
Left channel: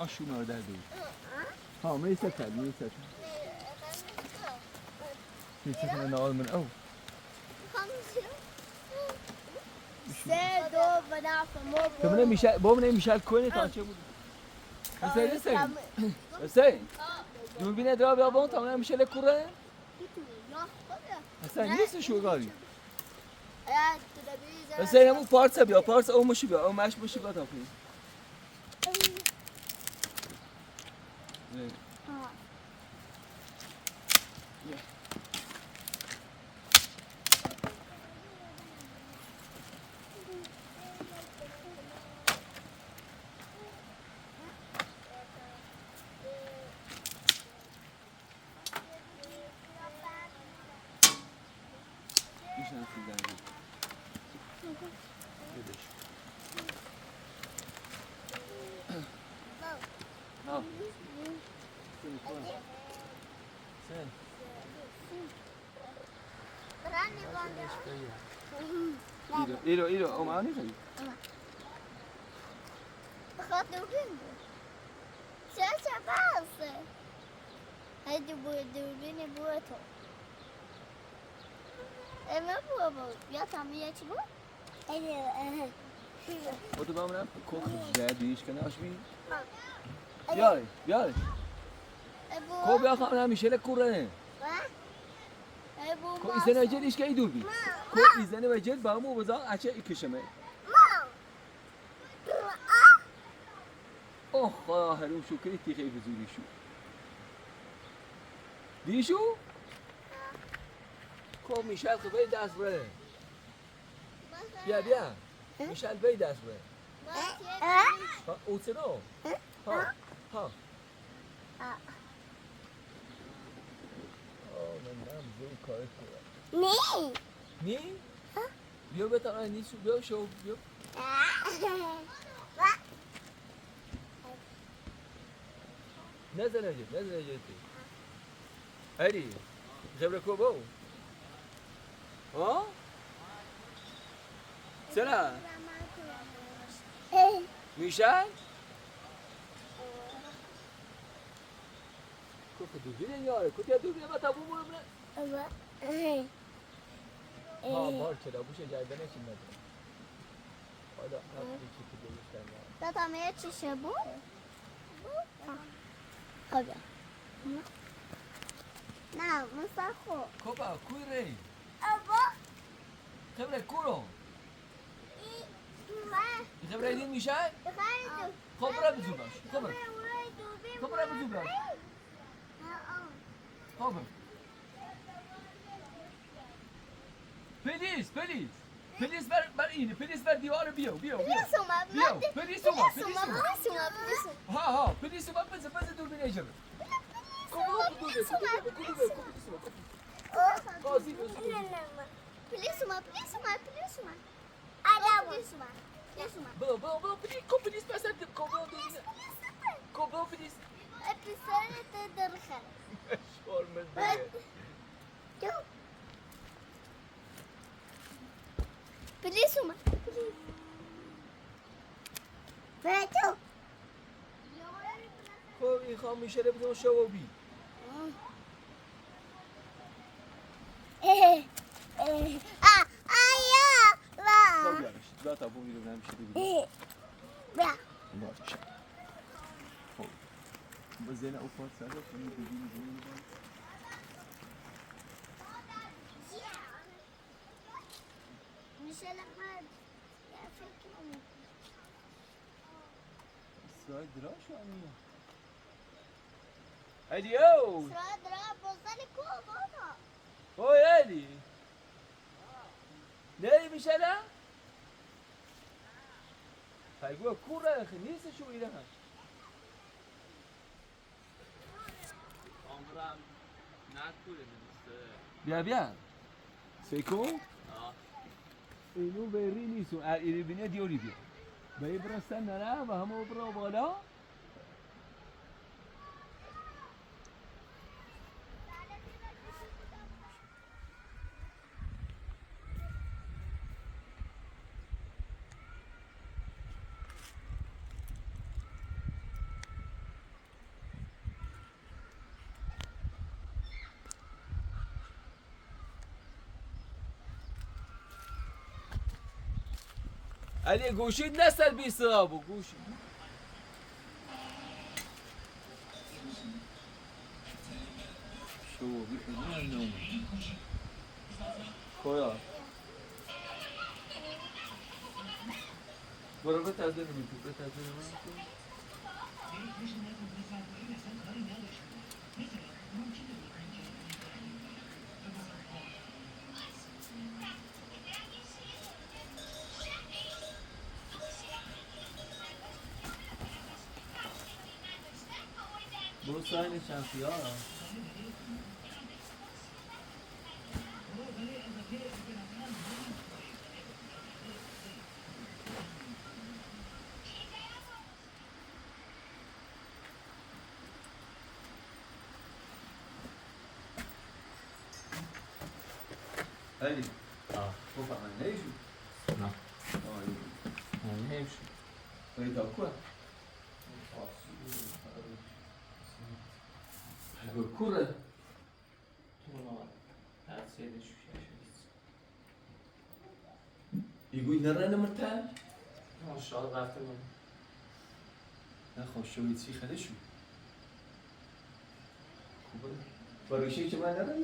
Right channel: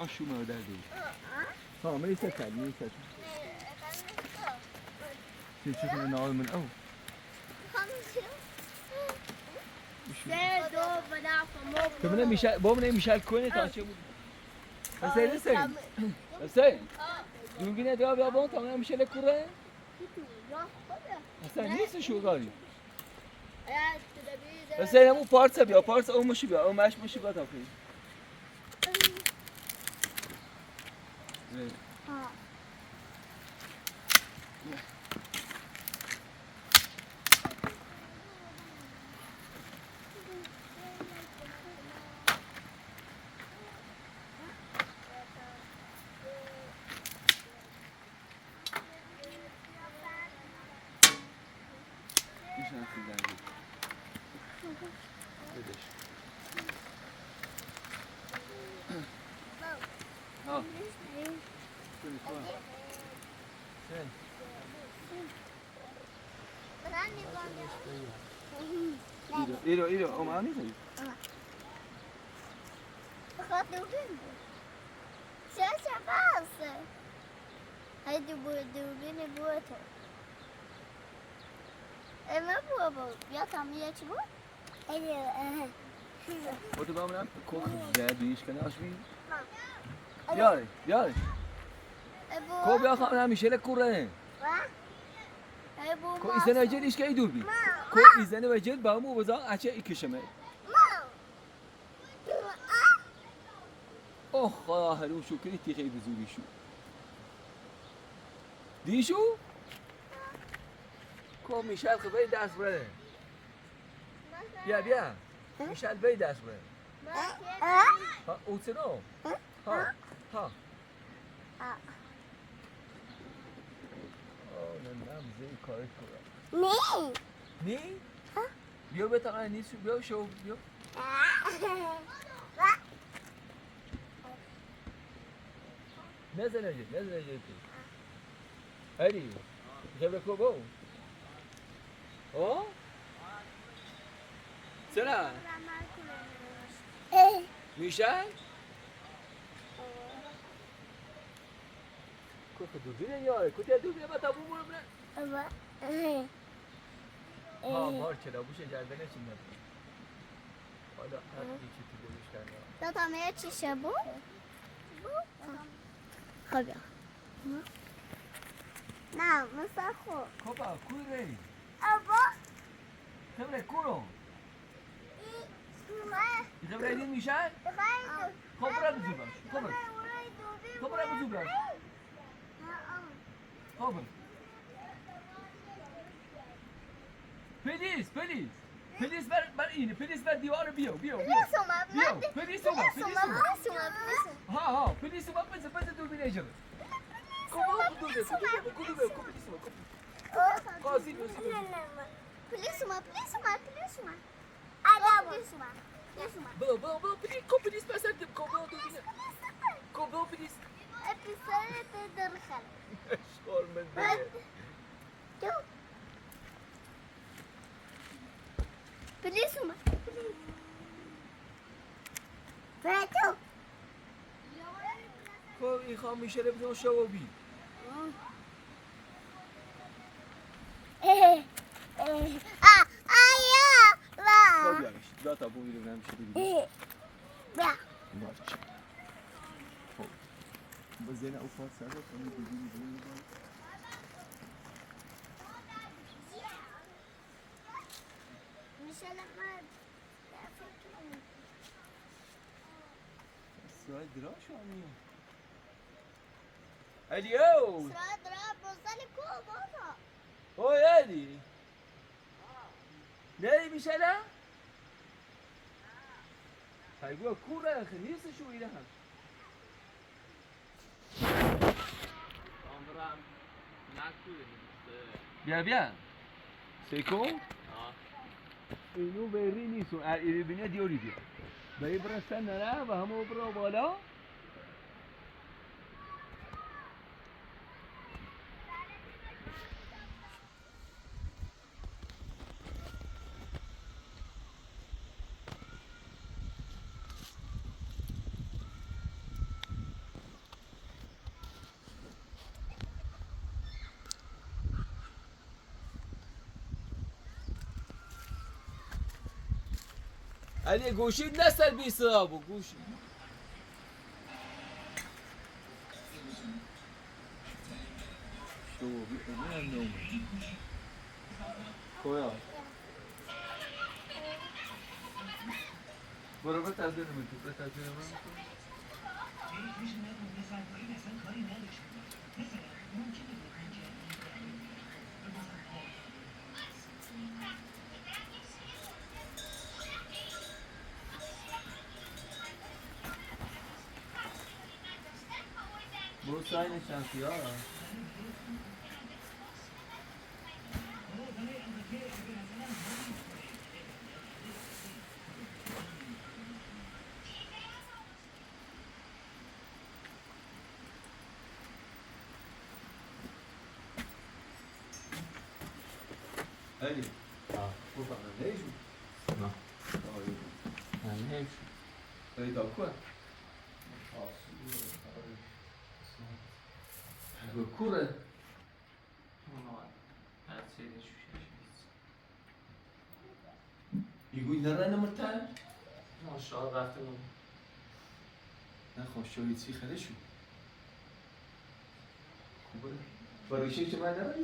آشو مادر دو ها میستل چیزی نال من او سه دو بدافع تو من میشه با من میشه کنه تا چه بود حسین دوربین درا بیا بون تا من میشه لکوره حسین نیست شو گاری حسین همون پارس بیا پارس اون مشی بیا اون مش مشی بیا تا کنی ایشون سوزن بدش ها کنی کنم سن ایرو او معانی کنی بخواد دوربین چه بازه هیدی دوربین بوه تو اما بوه بیا تامیه چی بود؟ و تو با منم کوخ زدیش کنه آشبی بیاره کو بیا خواهم همیشه لکوره کو ایزن وجل ایش که ای دور بی کو ایزن وجل با همو بزا اچه ای کشمه اوه خدا هرون شو کنی تیخه بزوری شو دیشو؟ کو میشل خبای دست بره بیا میشل بی دست بره ها اوتنو ها من زی کاری کنم نی؟ بیا بتا نیست بیا شو بیا نزل اجی هری خبره کو بو ها چرا میشن کو دوربین یاره کو دوربین بتا بو مونه ها مار چرا بوشه گردنش نداره حالا چی تو دلش کرده تا تامیه چی شبو؟ خب نه مسخو کوپا کوی ری ابا خبره کورو ای خبره این میشن خبره بزو باش خبره بزو باش خبره پلیس بر اینه پلیس بر دیوار بیا پلیس اومد ها پلیس اومد پس دوربین اجاره پلیس خب این خواهم میشه بزن شوابی خب یارش داتا بو میرون همیشه ببینیم باشه خب بزن او پاس سرده کنی بگیم سوال دراش آنیه اليو هو يالي نادي مشالا هيقول كورة يا اخي نفسي شو إلها بیا سیکو اینو بری نیستو ایربینه دیوری بیا بایی برستن نره و همه برا بالا علی گوشید نسل بی صابو گوشید شو بی اونم کویا برو به تازه نمیتو به تازه نمیتو برو ساین شانسی ها هلی تو فهمی نیشو نه نمیشه ولی تا کوه کوره يقول نرى مرتاح ما شاء الله رفته بود نخواه شوید چی خدشو خوبه باریشه که من نرم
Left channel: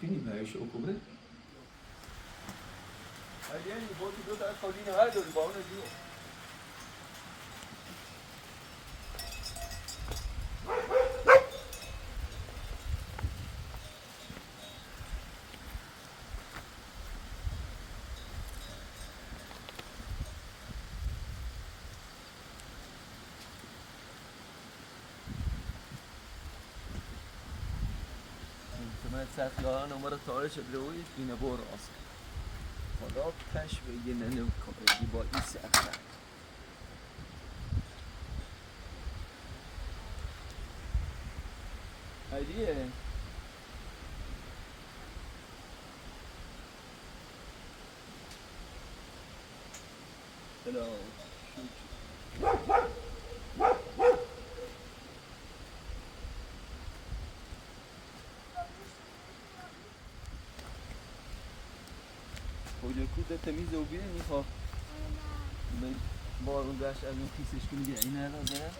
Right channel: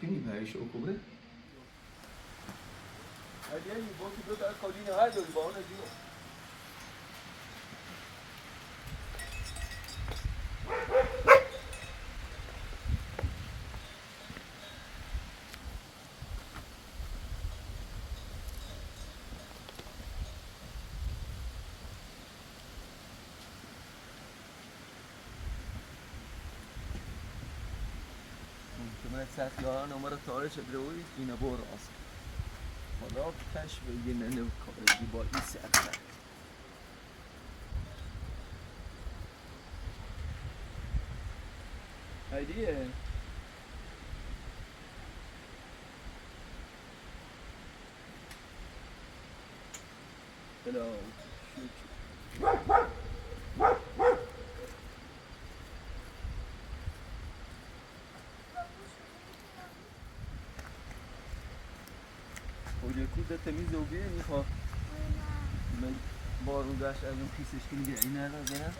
شوكيني بهاي شو كبرى هذه بوتي بيبقى قولين هذا اللي باونا جوا من سخیان عمر تاره شد روی اینه بور آسک حالا کشف یه ننو کاری با این سخت هایدیه بلا خود کود تمیز و بیه میخواه من بارون داشت از اون خیسش که میگه این ندازه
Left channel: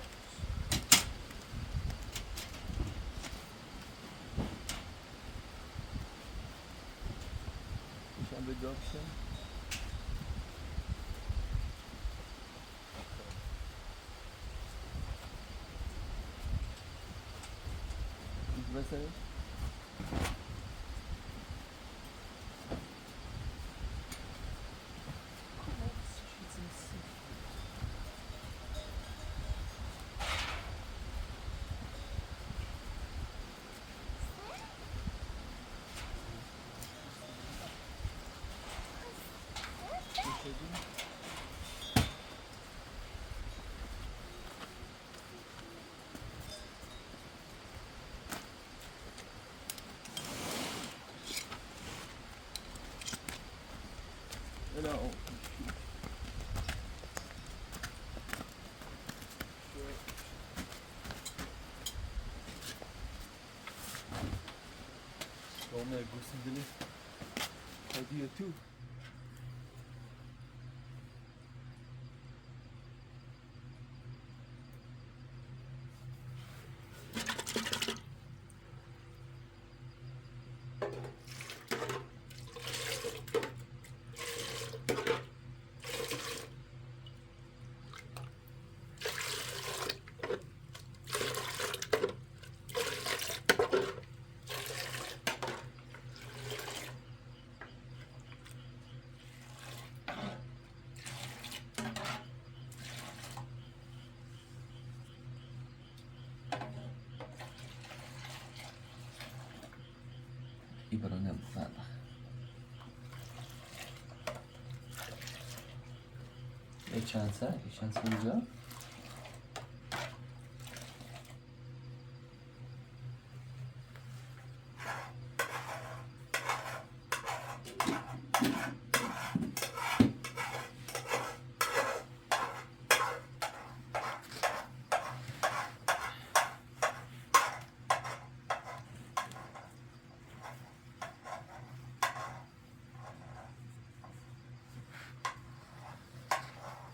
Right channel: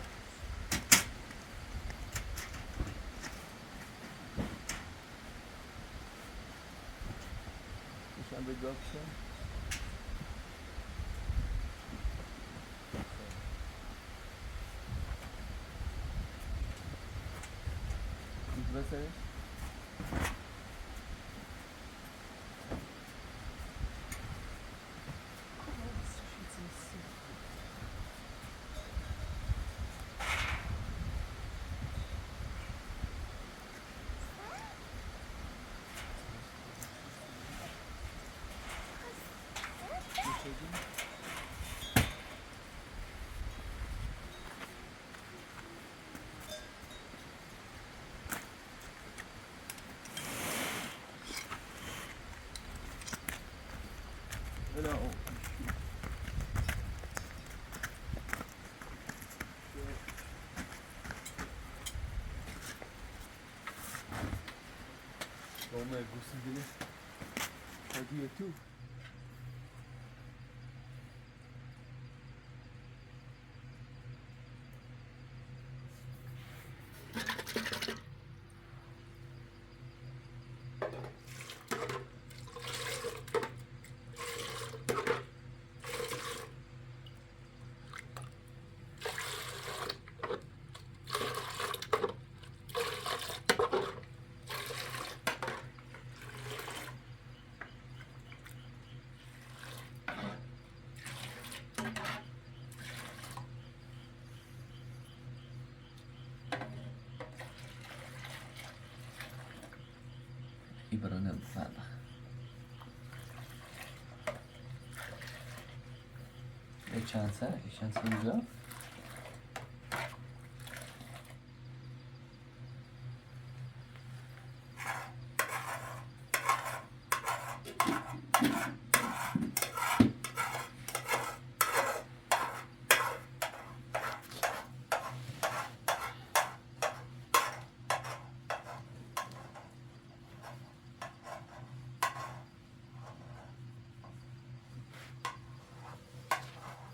میشم به داکشه بسرش No. Oh my goodness. How do you do? Ibrahim Fala. E şans bulacak.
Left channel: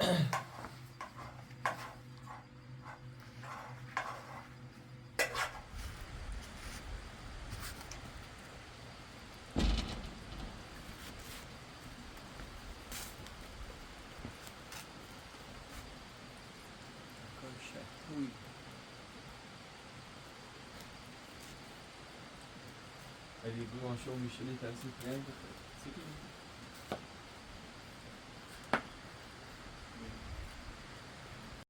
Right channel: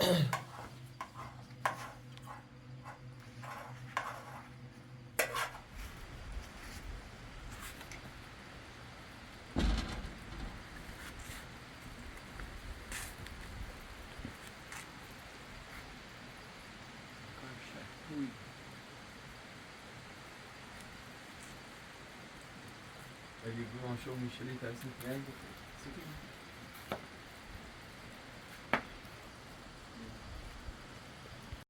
اگه گوشو میشلی ترسید بیان بخیر.